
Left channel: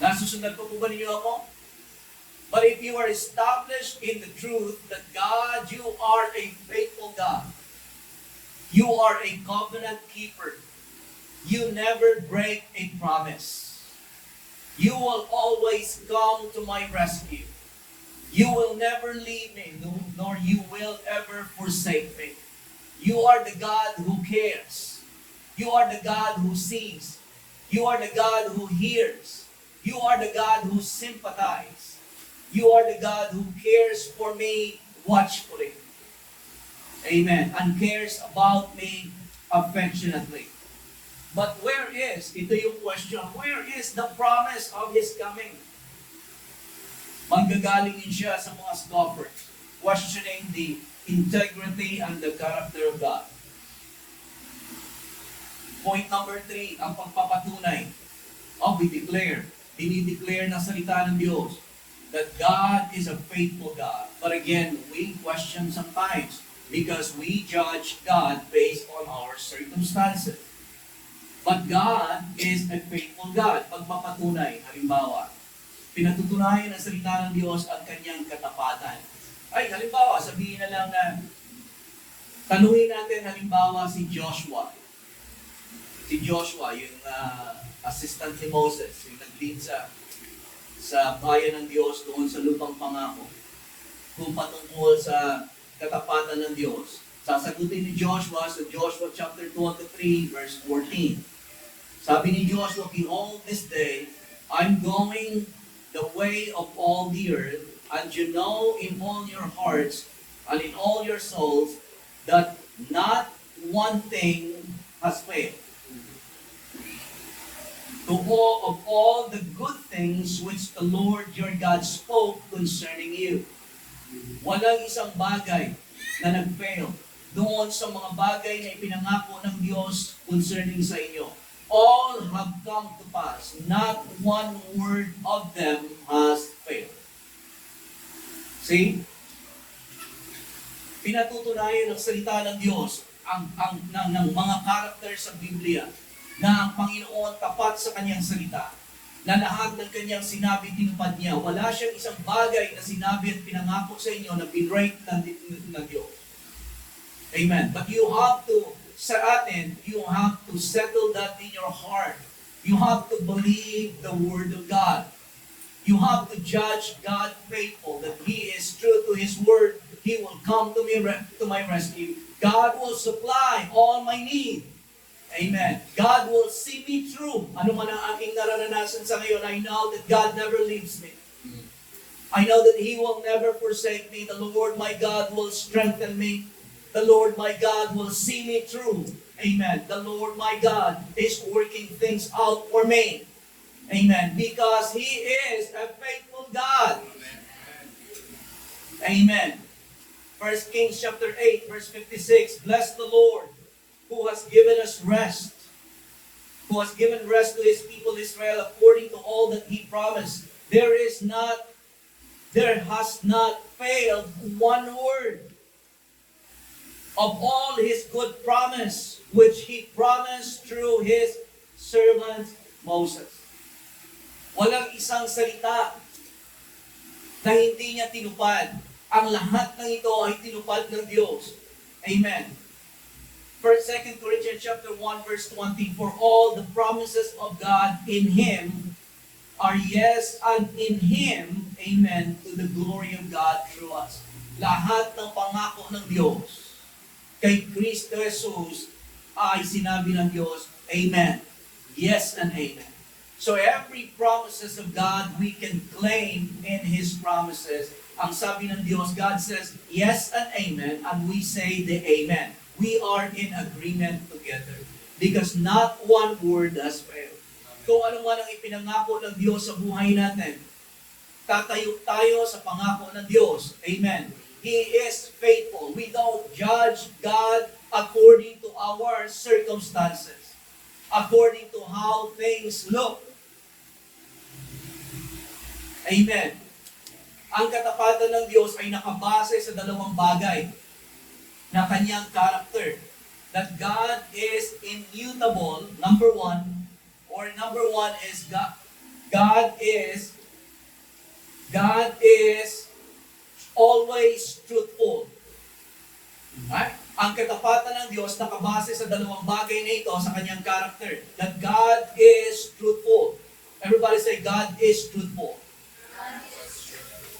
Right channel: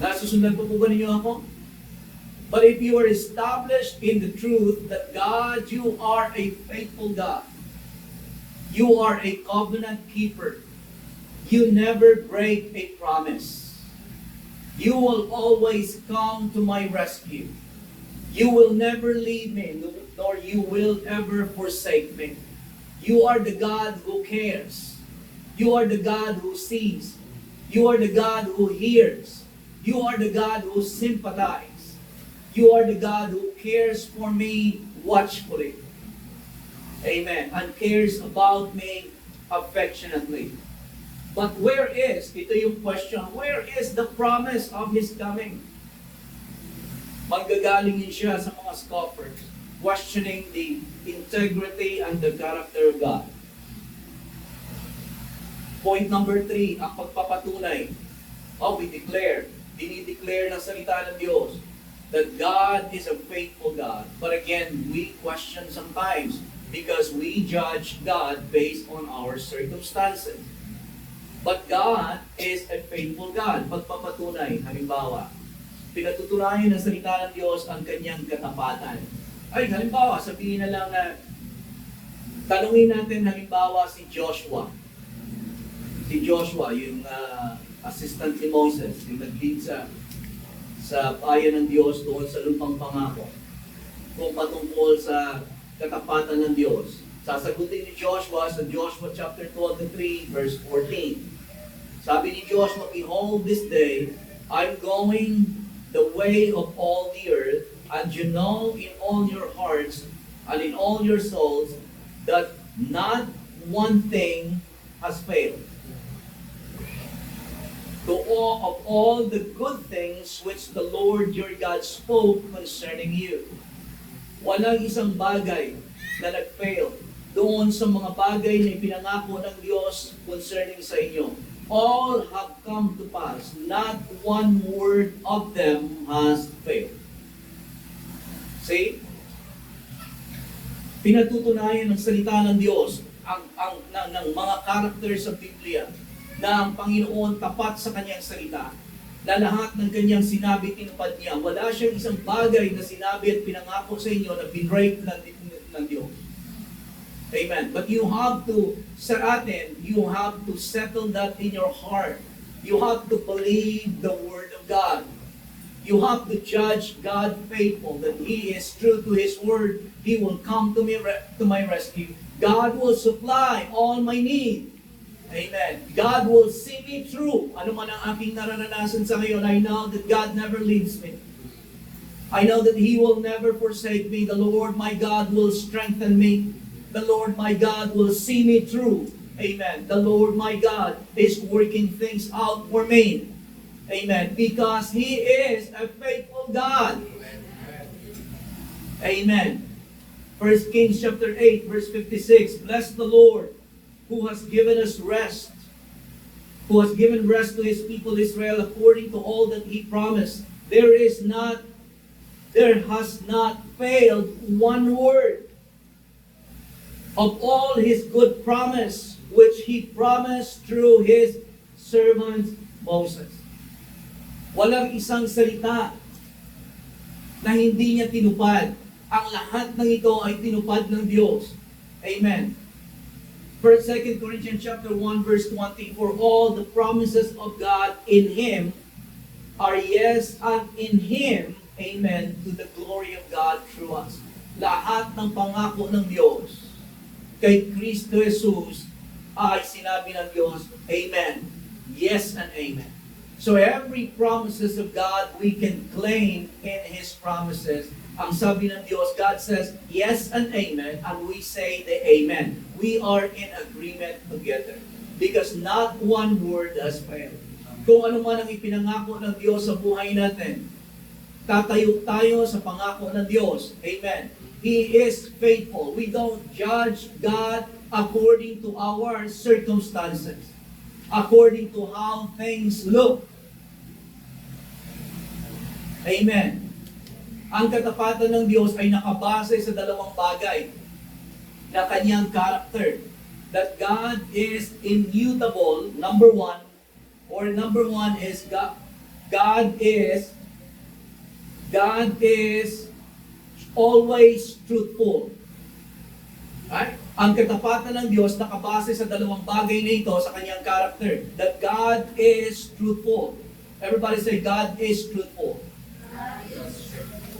Nasusundan po ba ninyo ako? But if you are established in the truth that God, you are a faithful God. You are a covenant keeper. You never break a promise. You will always come to my rescue. You will never leave me, nor you will ever forsake me. You are the God who cares. You are the God who sees. You are the God who hears. You are the God who sympathizes. You are the God who cares for me watchfully. Amen. And cares about me affectionately. But where is, ito yung question, where is the promise of His coming? Manggagaling siya sa mga scoffers, questioning the integrity and the character of God. Point number 3, ang pagpapatunay. We declare, dinideclare ng salita ng Diyos that God is a faithful God. But again, we question sometimes because we judge God based on our circumstances. But God is a faithful God. Pagpapatunay, halimbawa, pinatutunayan ng salita ng Diyos ang kanyang katapatan. Ay, halimbawa, sabihin na lang na, tanungin natin halimbawa si Joshua. Si Joshua, yung assistant ni Moses, yung nag-lead sa bayan ng Diyos doon sa lupang pangako. Kung patungkol sa katapatan ng Diyos. Sasagutin ni Joshua sa Joshua chapter 23, verse 14. Sabi ni Joshua, behold this day, I'm going the way of all the earth, and you know in all your hearts and in all your souls that not one thing has failed. Of all the good things which the Lord your God spoke concerning you. Walang isang bagay na nag-fail doon sa mga bagay na ipinangako ng Diyos concerning sa inyo. All have come to pass. Not one word of them has failed. See? Pinatutunayan ng salita ng Diyos ng mga karakter sa Biblia na ang Panginoon tapat sa kanyang salita, na lahat ng kanyang sinabi tinupad niya. Wala siyang isang bagay na sinabi at pinangako sa inyo na binrake ng Diyos. Amen. But you have to, sa atin, you have to settle that in your heart. You have to believe the Word of God. You have to judge God faithful, that He is true to His Word. He will come to my rescue. God will supply all my need. Amen. God will see me through. Ano man ang aking nararanasan sa ngayon, I know that God never leaves me. I know that He will never forsake me. The Lord my God will strengthen me. The Lord my God will see me through. Amen. The Lord my God is working things out for me. Amen. Because He is a faithful God. Amen. 1 Kings chapter 8, verse 56. Bless the Lord, who has given us rest, who has given rest to His people Israel according to all that He promised. There has not failed one word of all His good promise, which He promised through His servant Moses. Walang isang salita na hindi niya tinupad. Ang lahat ng ito ay tinupad ng Diyos. Amen. 2 Corinthians chapter 1 verse 20, for all the promises of God in Him are yes, and in Him, amen, to the glory of God through us. Lahat ng pangako ng Diyos kay Kristo Jesus ay sinabi ng Diyos, amen. Yes and amen. So every promises of God we can claim in His promises. Ang sabi ng Diyos, God says, yes and amen, and we say the amen. We are in agreement together. Because not one word has failed. Kung ano man ang ipinangako ng Diyos sa buhay natin, tatayo tayo sa pangako ng Diyos. Amen. He is faithful. We don't judge God according to our circumstances, according to how things look. Amen. Ang katapatan ng Diyos ay nakabase sa dalawang bagay na kanyang character. That God is immutable, number one is God is always truthful. Right? Ang katapatan ng Diyos nakabase sa dalawang bagay na ito sa kanyang character. That God is truthful. Everybody say, God is truthful.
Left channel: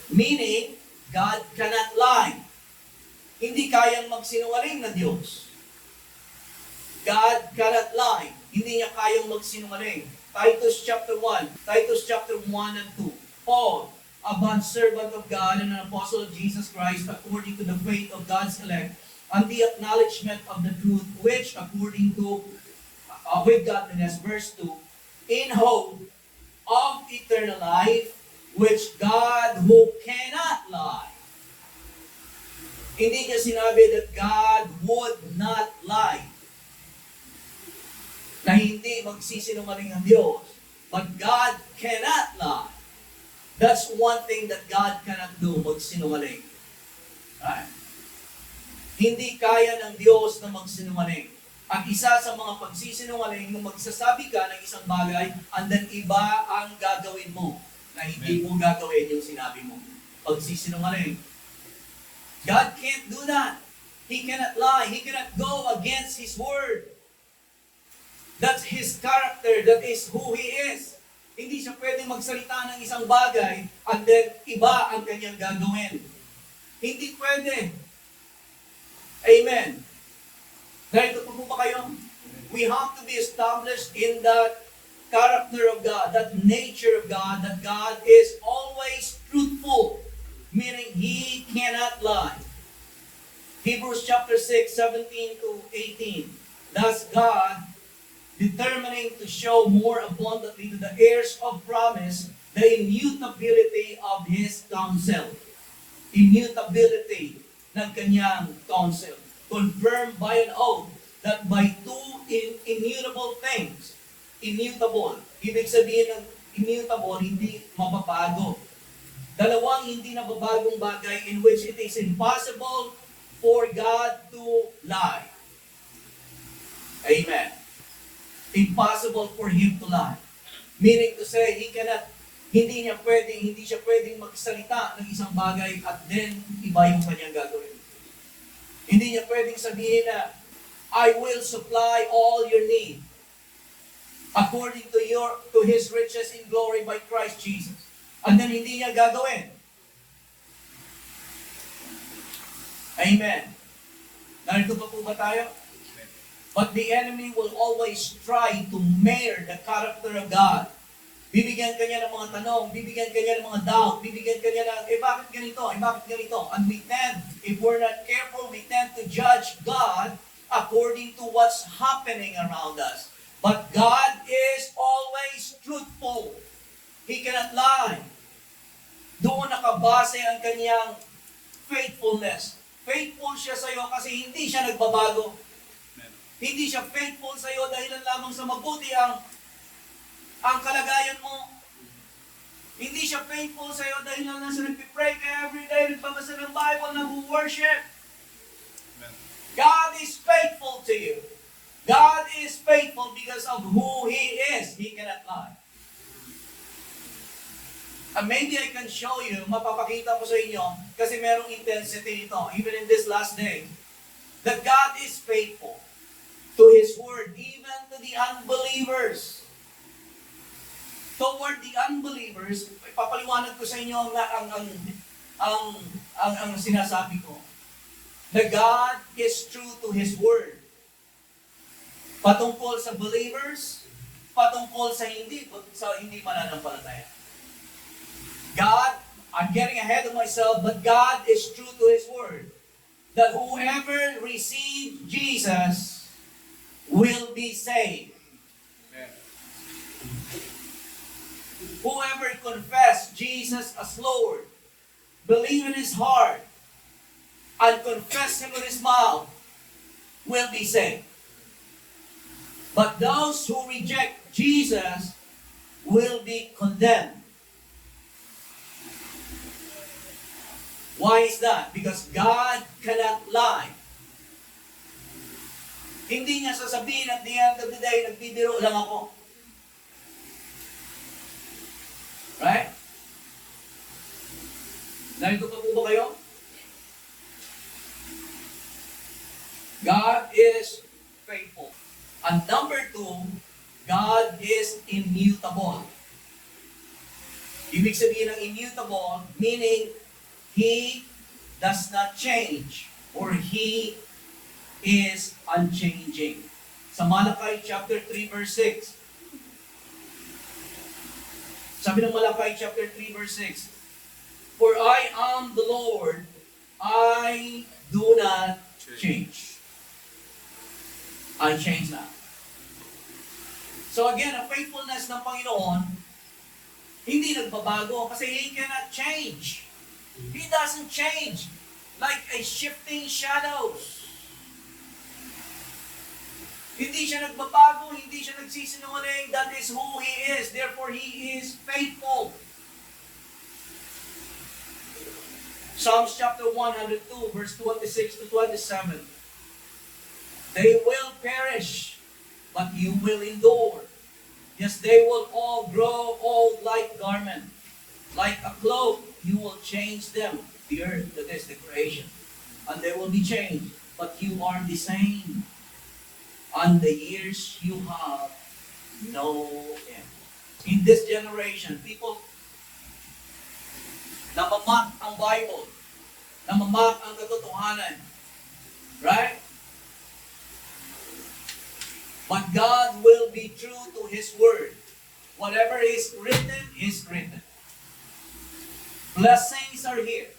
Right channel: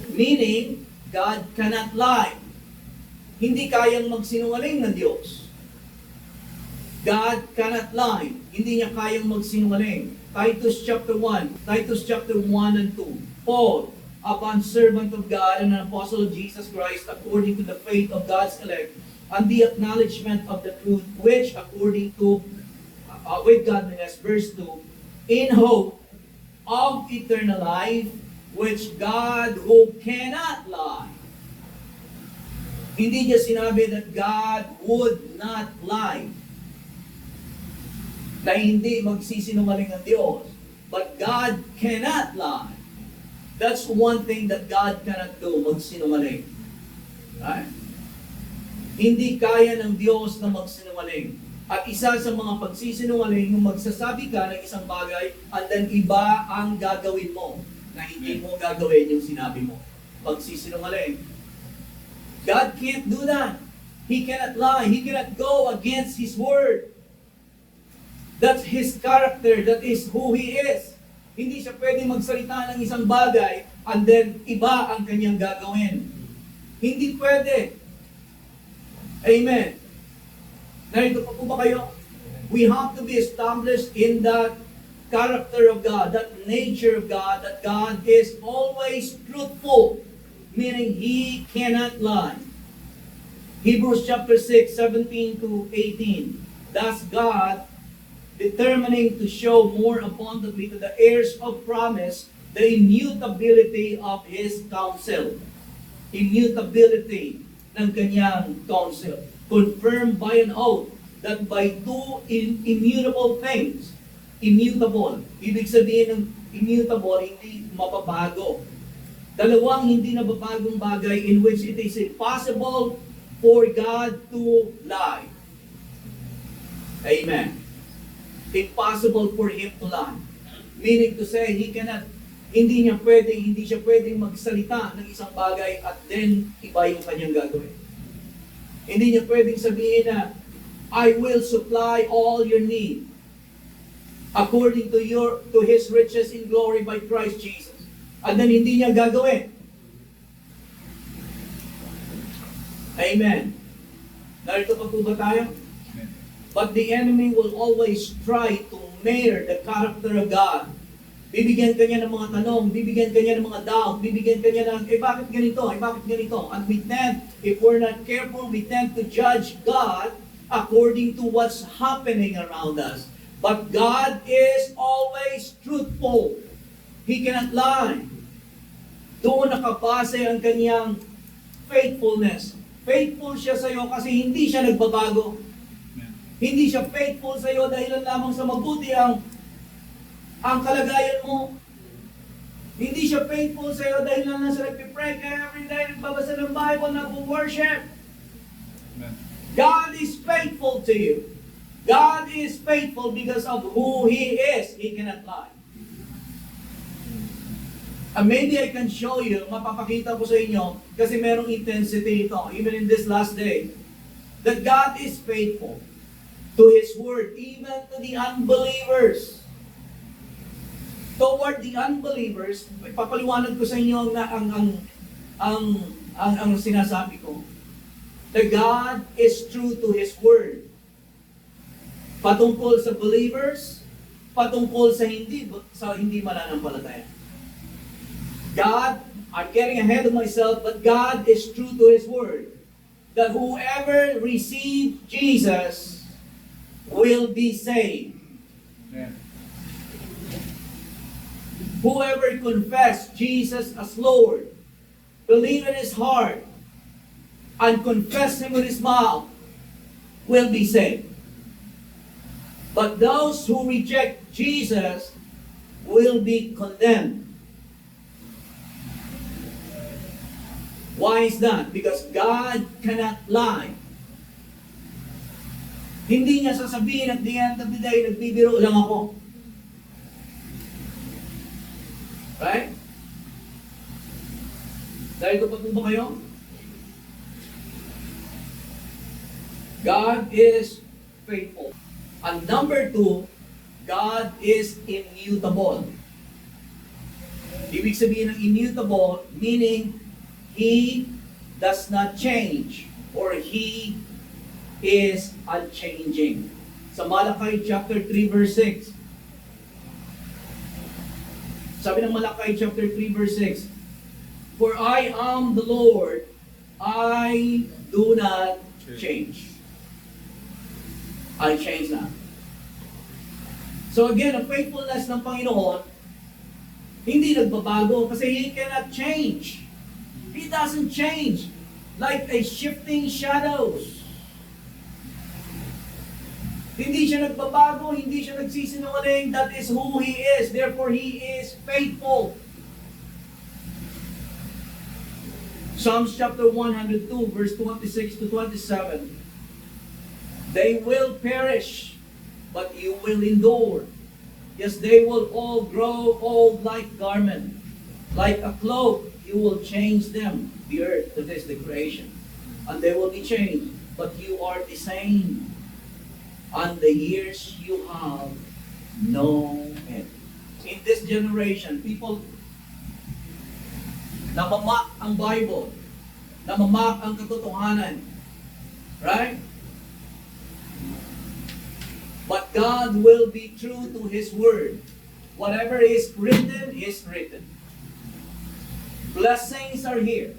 Meaning, God cannot lie. Hindi kayang magsinungaling ng Diyos. God cannot lie. Hindi niya kayang magsinungaling. Titus chapter 1 and 2. Paul, a bondservant of God and an apostle of Jesus Christ, according to the faith of God's elect, and the acknowledgement of the truth, which according to, with godliness, verse 2, in hope of eternal life, which God who cannot lie. Hindi niya sinabi that God would not lie. Na hindi magsisinungaling ang Diyos. But God cannot lie. That's one thing that God cannot do, magsinungaling. Right? Hindi kaya ng Diyos na magsinungaling. At isa sa mga pagsisinungaling, yung magsasabi ka ng isang bagay, and then iba ang gagawin mo. Na hindi mo gagawin yung sinabi mo. Pagsisinungaling. God can't do that. He cannot lie. He cannot go against His word. That's His character. That is who He is. Hindi siya pwede magsalita ng isang bagay and then iba ang kanyang gagawin. Hindi pwede. Amen. Narito pa po ba kayo? We have to be established in that character of God, that nature of God, that God is always truthful, meaning He cannot lie. Hebrews chapter 6, 17 to 18. Thus God, determining to show more abundantly to the heirs of promise the immutability of His counsel. Immutability ng kanyang counsel. Confirmed by an oath that by two immutable things, immutable. Ibig sabihin ng immutable, hindi mababago. Dalawang hindi nababagong bagay in which it is impossible for God to lie. Amen. Impossible for Him to lie. Meaning to say, hindi siya pwedeng magsalita ng isang bagay at then iba yung kanyang gagawin. Hindi niya pwedeng sabihin na, I will supply all your need according to His riches in glory by Christ Jesus. And then hindi niya gagawin. Amen. Narito pa po ba tayo? But the enemy will always try to mirror the character of God. Bibigyan ka niya ng mga tanong, bibigyan ka niya ng mga doubt, bibigyan ka niya ng, bakit ganito, bakit ganito? And we tend, if we're not careful, we tend to judge God according to what's happening around us. But God is always truthful. He cannot lie. Doon nakabase ang kanyang faithfulness. Faithful siya sa iyo kasi hindi siya nagbabago. Hindi siya faithful sa iyo dahil lamang sa mabuti ang kalagayan mo. Hindi siya faithful sa iyo dahil lang sa nagpipray ka every day, nagbabasa ng Bible, nag-worship. God is faithful to you. God is faithful because of who He is. He cannot lie. And maybe I can show you, mapapakita ko sa inyo, kasi merong intensity ito, even in this last day, that God is faithful to His Word, even to the unbelievers. Toward the unbelievers, ipapaliwanag ko sa inyo na ang sinasabi ko. That God is true to His Word. Patungkol sa believers, patungkol sa hindi mananampalataya. God, I'm getting ahead of myself, but God is true to His Word. That whoever receives Jesus will be saved. Yeah. Whoever confess Jesus as Lord, believe in his heart, and confess Him with his mouth, will be saved. But those who reject Jesus will be condemned. Why is that? Because God cannot lie. Hindi niya sasabihin at the end of the day, nagbibiro lang ako. Right? Narito pa po ba kayo? God is faithful. And number 2, God is immutable. Ibig sabihin ng immutable, meaning He does not change, or He is unchanging. Sa Malachi chapter 3 verse 6. Sabi ng Malachi chapter 3 verse 6, For I am the Lord, I do not change. I change not. So again, ang faithfulness ng Panginoon, hindi nagbabago kasi He cannot change. He doesn't change like a shifting shadows. Hindi siya nagbabago, hindi siya nagsisinungaling. That is who He is. Therefore, He is faithful. Psalms chapter 102, verse 26 to 27. They will perish, but you will endure. Yes, they will all grow old like garment. Like a cloak, you will change them. The earth, that is the creation. And they will be changed. But you are the same. And the years you have no end. In this generation, people namamak ang Bible, namamak ang katotohanan. Right? But God will be true to His Word. Whatever is written is written. Blessings are here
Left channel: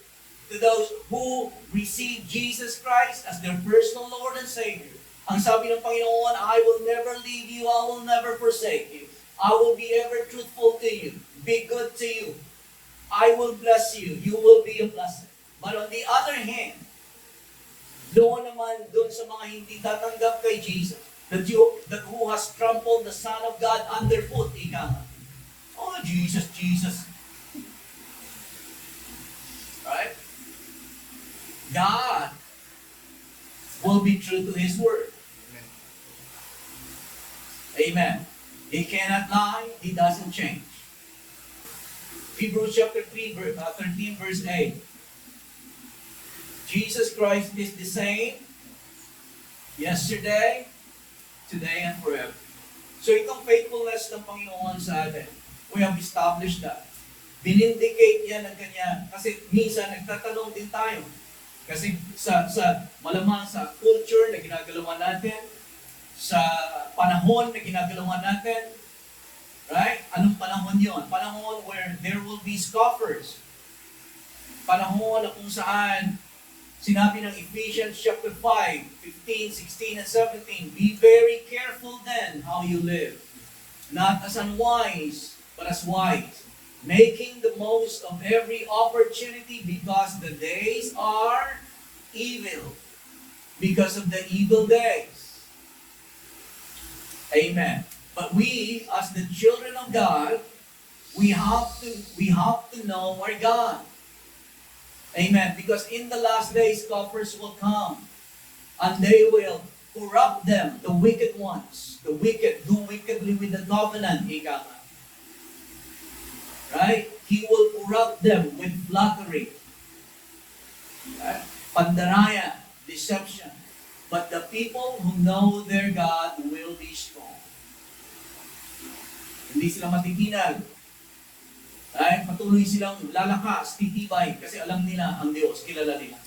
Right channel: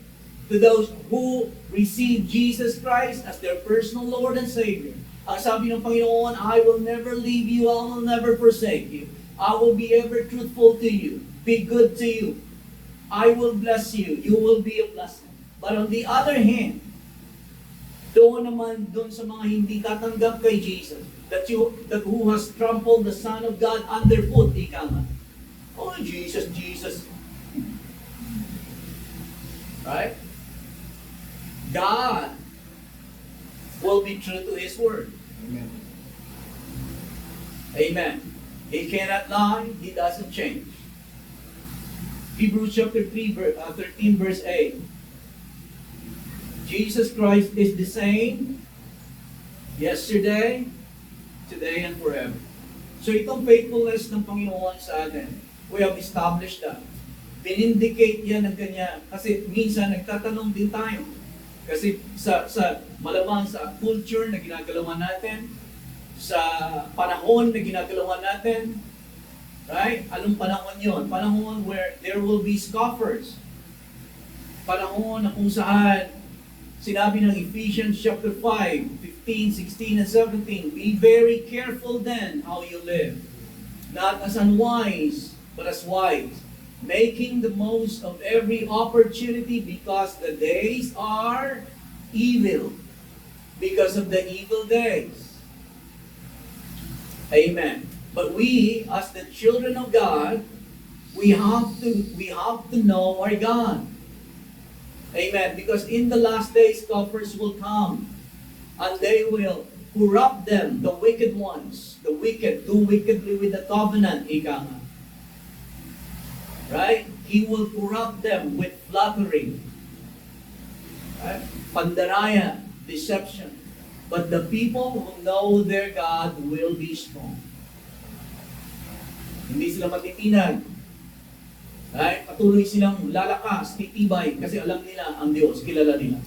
to those who receive Jesus Christ as their personal Lord and Savior. Ang sabi ng Panginoon, I will never leave you, I will never forsake you. I will be ever truthful to you, be good to you. I will bless you, you will be a blessing. But on the other hand, doon sa mga hindi tatanggap kay Jesus, that who has trampled the Son of God underfoot, ika nga. Oh, Jesus. Right? God will be true to His Word. Amen. Amen. He cannot lie. He doesn't change. Hebrews chapter 13 verse 8. Jesus Christ is the same yesterday, today, and forever. So itong faithfulness ng Panginoon sa atin, we have established that. Binindicate yan ng Kanya. Kasi minsan nagtatanong din tayo. Kasi sa malamang sa culture na ginagalaman natin, sa panahon na ginagalawan natin. Right? Anong panahon yon? Panahon where there will be scoffers. Panahon na kung saan sinabi ng Ephesians chapter 5, 15, 16, and 17, be very careful then how you live, not as unwise, but as wise, making the most of every opportunity because the days are evil, because of the evil days. Amen. But we, as the children of God, we have to know our God. Amen. Because in the last days, scoffers will come, and they will corrupt them, the wicked ones. The wicked do wickedly with the covenant, ika nga. Right? He will corrupt them with flattery, right? Pandaraya, deception. But the people who know their God will be strong. Hindi sila matitinag. Right? Patuloy silang lalakas, titibay, kasi alam nila ang Diyos, kilala nila.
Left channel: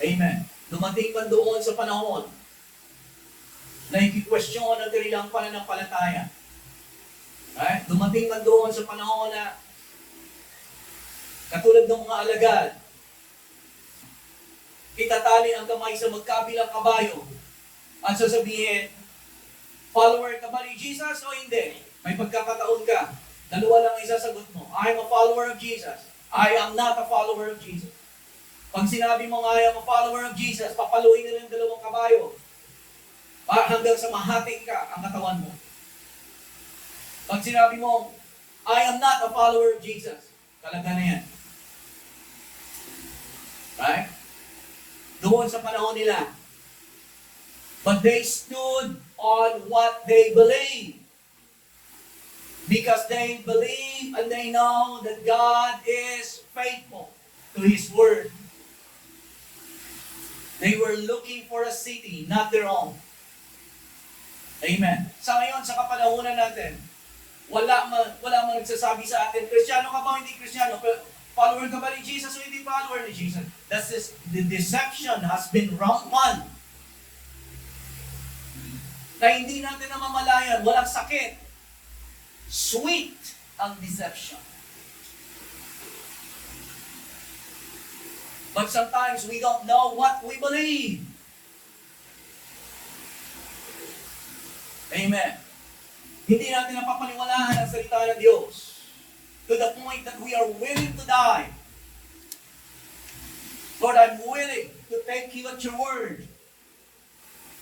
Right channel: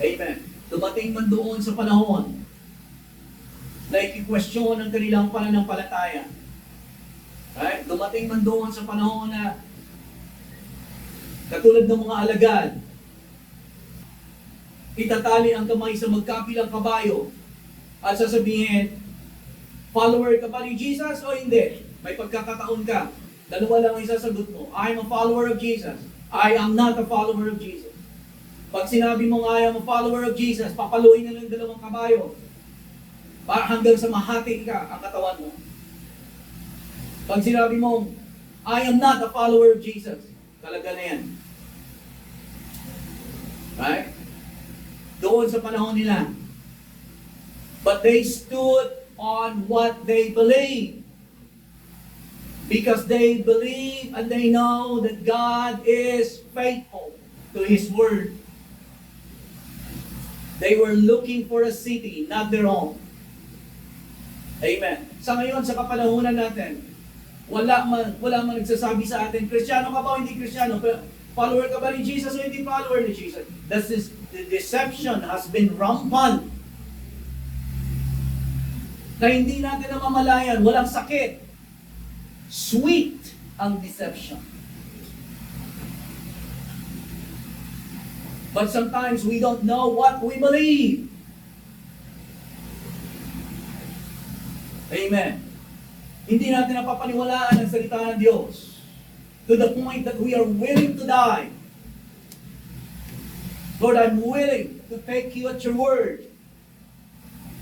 Amen. Dumating man doon sa panahon na iki-question ang kanilang pananampalataya. Right? Dumating man doon sa panahon na katulad ng mga alagad, itatali ang kamay sa magkabilang kabayo at sasabihin, follower ka ba ni Jesus o hindi? May pagkakataon ka. Dalawa lang ang isasagot mo. I am a follower of Jesus. I am not a follower of Jesus. Pag sinabi mo I am a follower of Jesus, papaluin nila yung dalawang kabayo. Hanggang sa mahati ka ang katawan mo. Pag sinabi mo, I am not a follower of Jesus, talaga na yan. Right? Doon sa panahon nila. But they stood on what they believed. Because they believe and they know that God is faithful to His Word. They were looking for a city, not their own. Amen. Sa ngayon, sa kapanahunan natin, wala man nagsasabi sa atin, Kristiyano ka ba o hindi Kristiyano? Follower ka ba ni Jesus o hindi follower ni Jesus? The deception has been rampant. Na hindi natin namamalayan, walang sakit. Sweet ang deception. But sometimes we don't know what we believe. Amen. Hindi natin napapaniwalaan ang salita ng Diyos to the point that we are willing to die. Lord, I'm willing to take you at your word.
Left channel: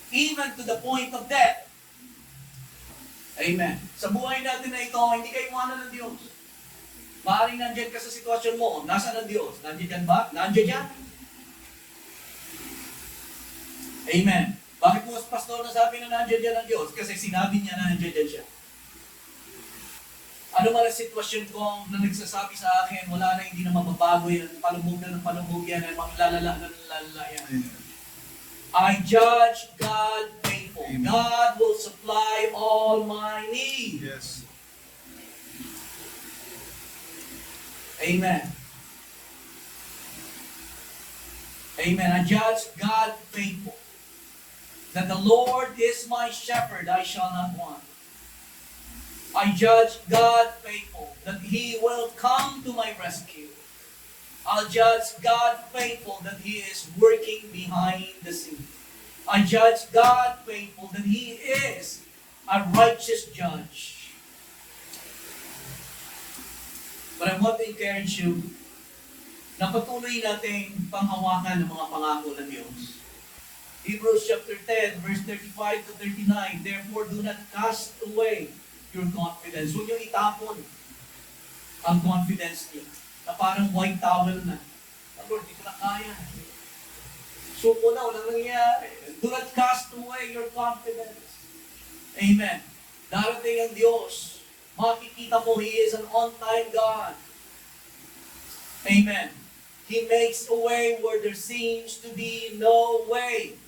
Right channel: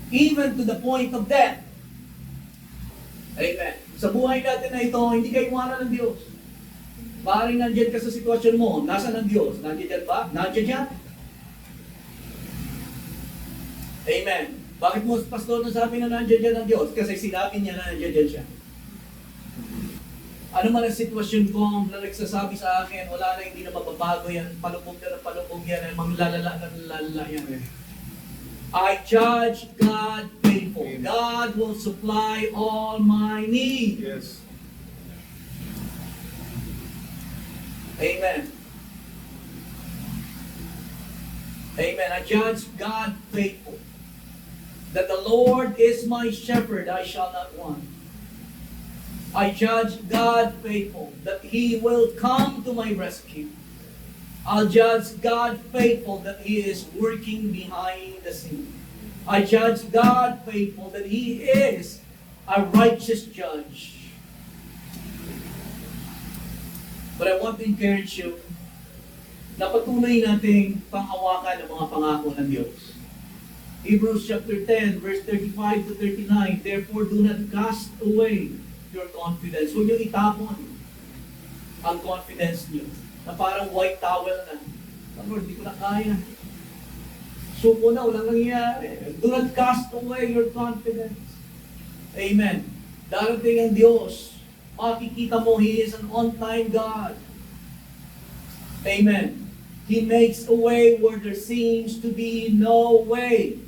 Even to the point of death. Amen. Sa buhay natin na ito, hindi kayo iwanan ng Diyos. Maaaring nandiyan ka sa sitwasyon mo, nasaan ang Diyos? Nandiyan ba? Nandiyan yan? Amen. Bakit mo, pastor, nasabi na nandiyan dyan ang Diyos? Kasi sinabi niya na nandiyan dyan siya. Ano man ang sitwasyon ko na nagsasabi sa akin, wala na, hindi na mababago yan, palubog na ng palubog yan, manglalala na lalala yan. I judge God faithful. Amen. God will supply all my needs. Yes. Amen. Amen. I judge God faithful. That the Lord is my shepherd, I shall not want. I judge God faithful. That He will come to my rescue. I'll judge God faithful that He is working behind the scene. I judge God faithful that He is a righteous judge. But I want to encourage you na patuloy nating panghawakan ng mga pangako ng Diyos. Hebrews chapter 10, verse 35 to 39, therefore do not cast away your confidence. Huwag niyo itapon ang confidence niyo. Na parang white towel na. Lord, di ko na kaya. Suko na, walang nangyayari. Do not cast away your confidence. Amen. Darating ang Diyos. Makikita mo, He is an on-time God. Amen. He makes a way where there seems to be no way.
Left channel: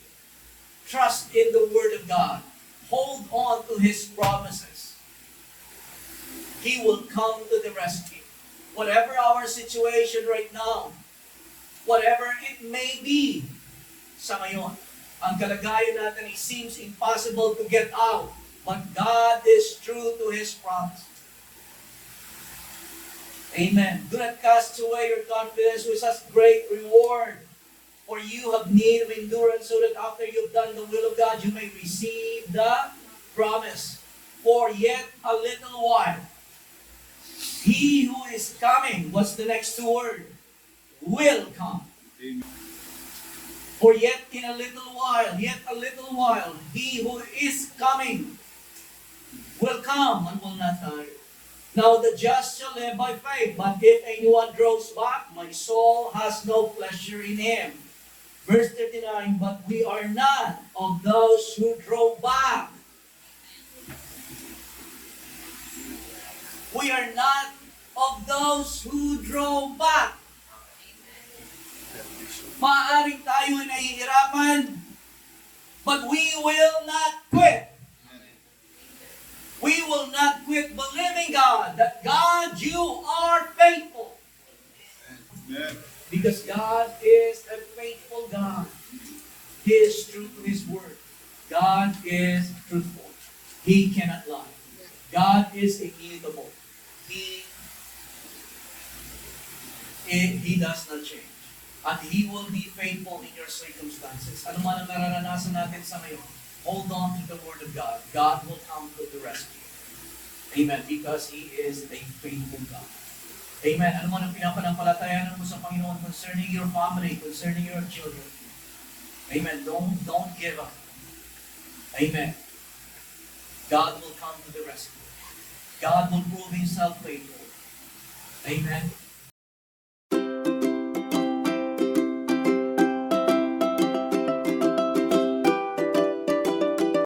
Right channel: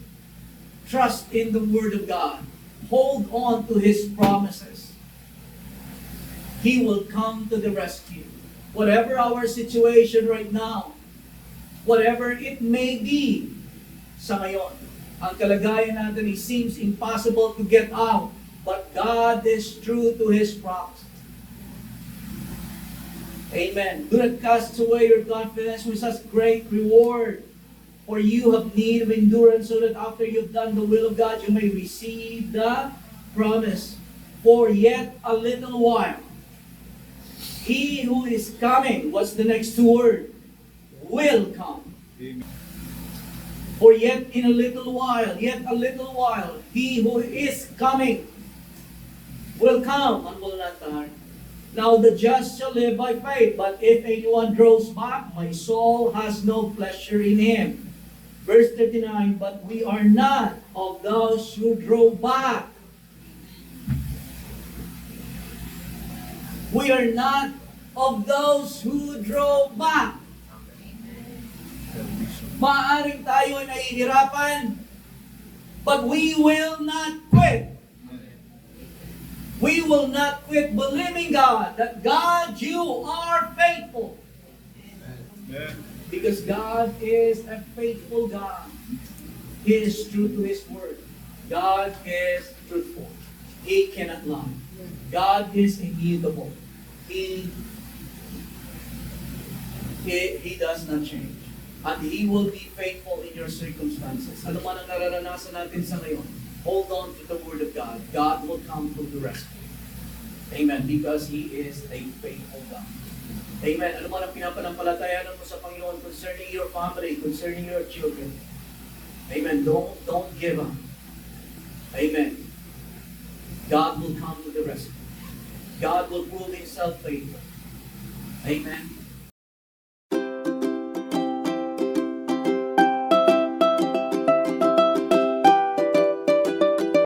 Trust in the Word of God. Hold on to His promises. He will come to the rescue. Whatever our situation right now, whatever it may be sa ngayon, ang kalagayan natin, it seems impossible to get out. But God is true to His promise. Amen. Do not cast away your confidence, which has great reward. For you have need of endurance, so that after you've done the will of God, you may receive the promise. For yet a little while, He who is coming, what's the next word? Will come. Amen. For yet a little while, He who is coming will come and will not tarry. Now the just shall live by faith, but if anyone draws back, my soul has no pleasure in him. Verse 39, but we are not of those who draw back. We are not of those who draw back. Maaaring tayo ay nahihirapan, but we will not quit. We will not quit believing God, that God, you are faithful. Amen. Because God is a faithful God. He is true to His word. God is truthful. He cannot lie. God is immutable. He does not change. At He will be faithful in your circumstances. Ano man ang nararanasan natin sa ngayon, hold on to the Word of God. God will come to the rescue. Amen. Because He is a faithful God. Amen. Ano man ang pinapanampalatayanan mo sa Panginoon concerning your family, concerning your children. Amen. Don't give up. Amen. God will come to the rescue. God will prove Himself faithful. Amen.